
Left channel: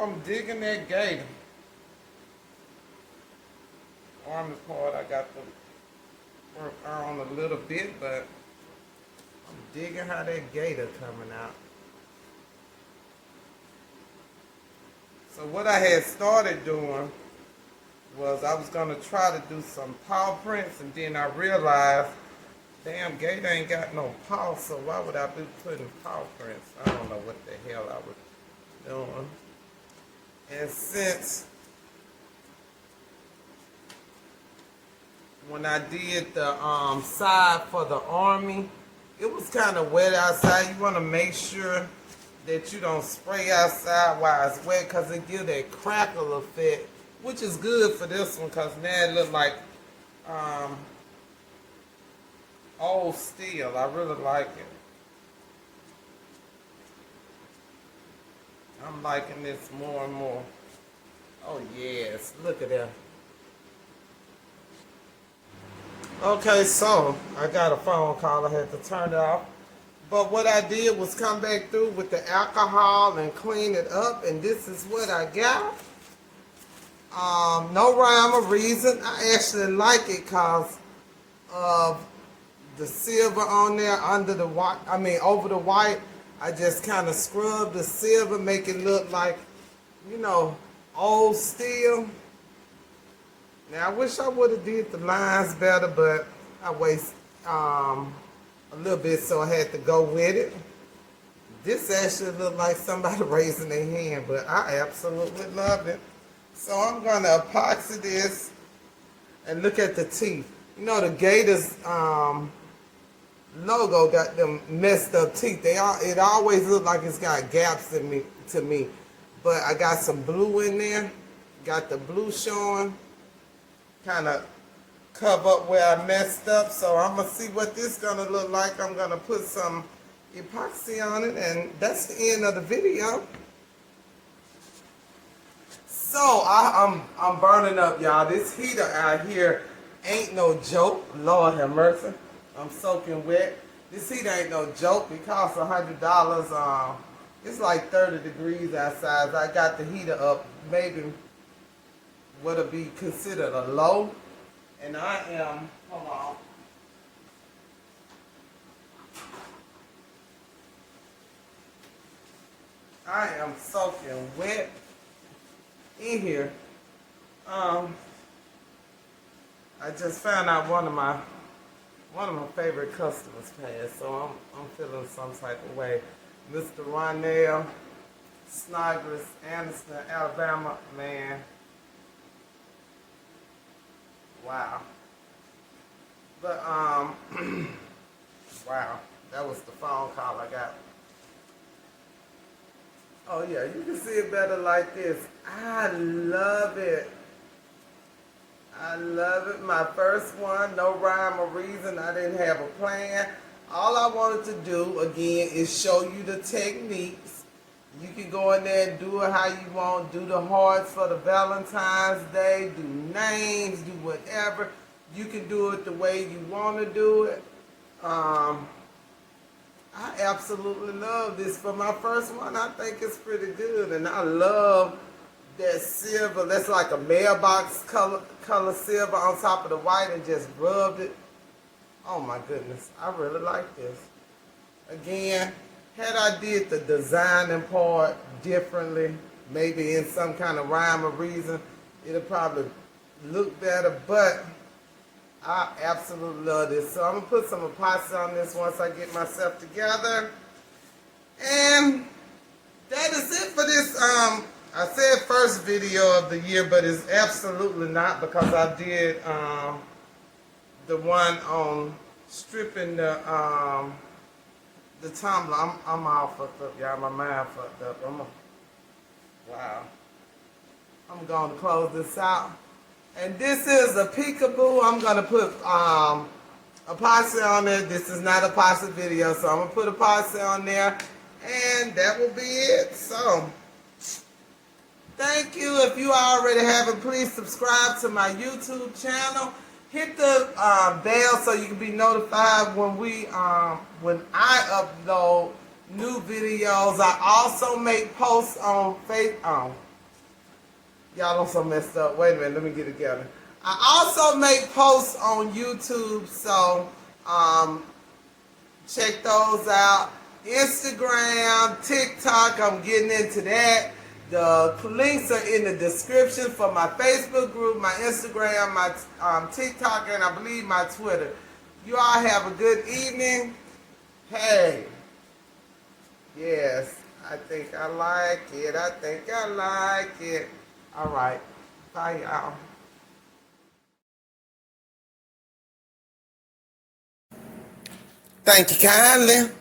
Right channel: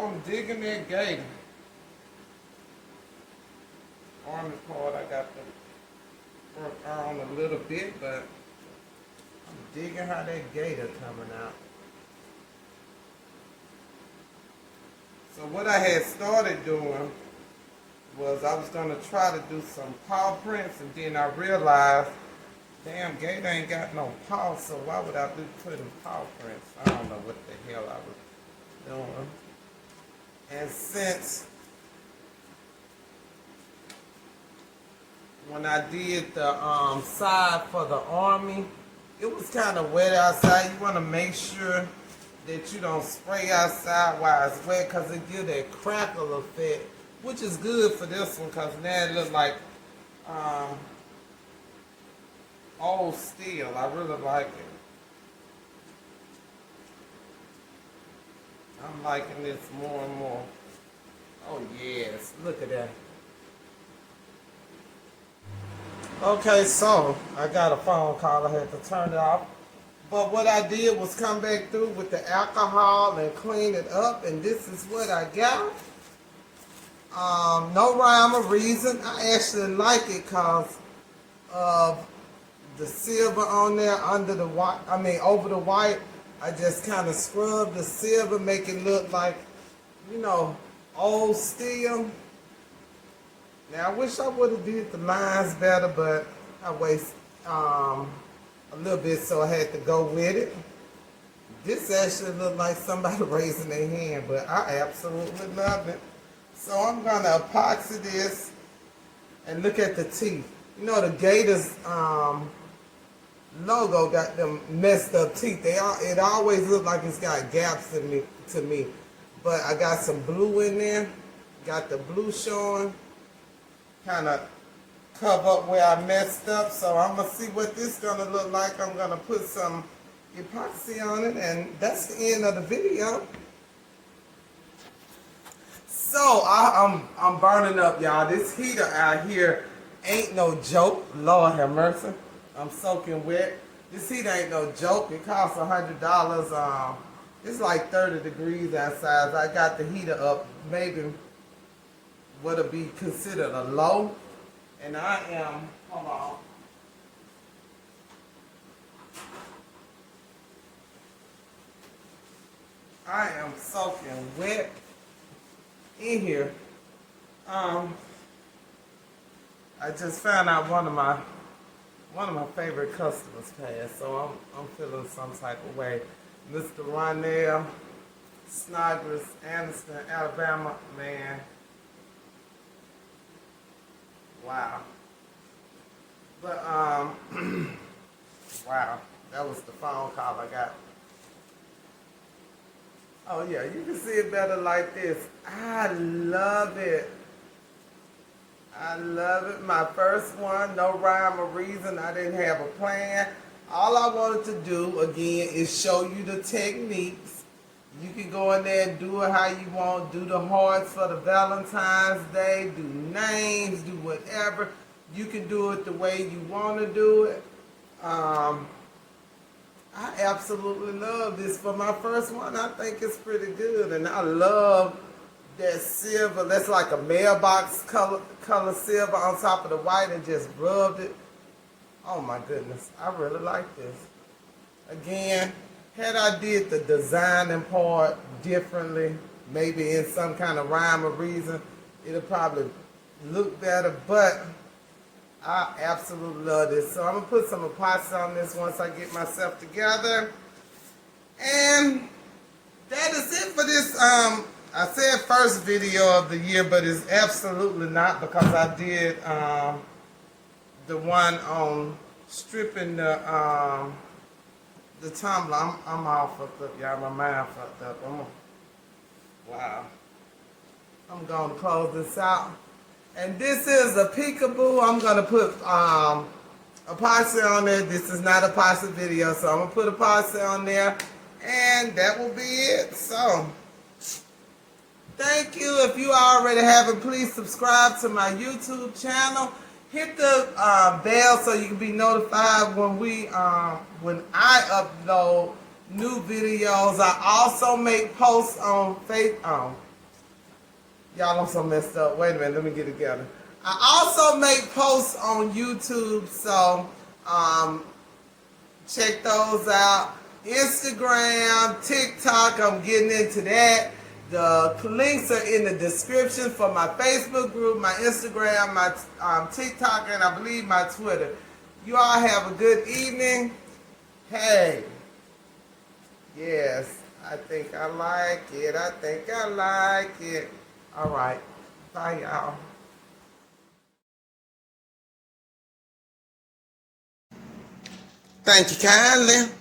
I'm digging that gator. Army part I got to work on a little bit, but I'm digging how that gator coming out. So what I had started doing was I was going to try to do some paw prints, and then I realized, damn, gator ain't got no paw, so why would I be putting paw prints? I don't know what the hell I was doing. And since when I did the side for the army, it was kind of wet outside. You want to make sure that you don't spray outside while it's wet because it gives that crackle effect, which is good for this one because now it looks like old steel. I really like it. I'm liking this more and more. Oh yes, look at that. Okay, so I got a phone call. I had to turn it off. But what I did was come back through with the alcohol and clean it up, and this is what I got. No rhyme or reason. I actually like it because of the silver on there under the white. I mean, over the white. I just kind of scrubbed the silver, make it look like, you know, old steel. Now I wish I would have did the lines better, but I waste a little bit, so I had to go with it. This actually looked like somebody raising their hand, but I absolutely love it. So I'm gonna epoxy this, and look at the teeth. You know, the Gators logo got them messed up teeth. It always look like it's got gaps in me to me. But I got some blue in there. Got the blue showing. Kind of cover up where I messed up. So I'm going to see what this is going to look like. I'm going to put some epoxy on it. And that's the end of the video. So I'm burning up, y'all. This heater out here ain't no joke. Lord have mercy. I'm soaking wet. This heater ain't no joke. It costs $100. It's like 30 degrees outside. I got the heater up, maybe what'll be considered a low. And I am, hold on. I am soaking wet in here. I just found out one of my favorite customers passed, so I'm feeling some type of way. Mr. Ronell Snodgrass, Anderson, Alabama, man. Wow. But wow, that was the phone call I got. Oh yeah, you can see it better like this. I love it. I love it. My first one, no rhyme or reason. I didn't have a plan. All I wanted to do, again, is show you the techniques. You can go in there and do it how you want. Do the hearts for the Valentine's Day. Do names. Do whatever. You can do it the way you want to do it. I absolutely love this. For my first one, I think it's pretty good. And I love that silver. That's like a mailbox color silver on top of the white, and just rubbed it. Oh my goodness, I really like this. Again, had I did the designing part differently, maybe in some kind of rhyme or reason, it'll probably look better, but I absolutely love this. So I'm gonna put some epoxy on this once I get myself together. And that is it for this, I said first video of the year, but it's absolutely not, because I did the one on stripping the tumbler. I'm all fucked up, y'all. My mind fucked up. Wow. I'm going to close this out. And this is a peekaboo. I'm going to put epoxy on there. This is not a epoxy video, so I'm going to put epoxy on there. And that will be it. So, thank you. If you already haven't, please subscribe to my YouTube channel. Hit the bell so you can be notified when I upload new videos. I also make posts on Facebook. Y'all, I'm so messed up. Wait a minute, let me get it together. I also make posts on YouTube, so check those out. Instagram, TikTok, I'm getting into that. The links are in the description for my Facebook group, my Instagram, my TikTok, and I believe my Twitter. You all have a good evening. Hey. Yes, I think I like it. I think I like it. All right. Bye, y'all. Thank you kindly.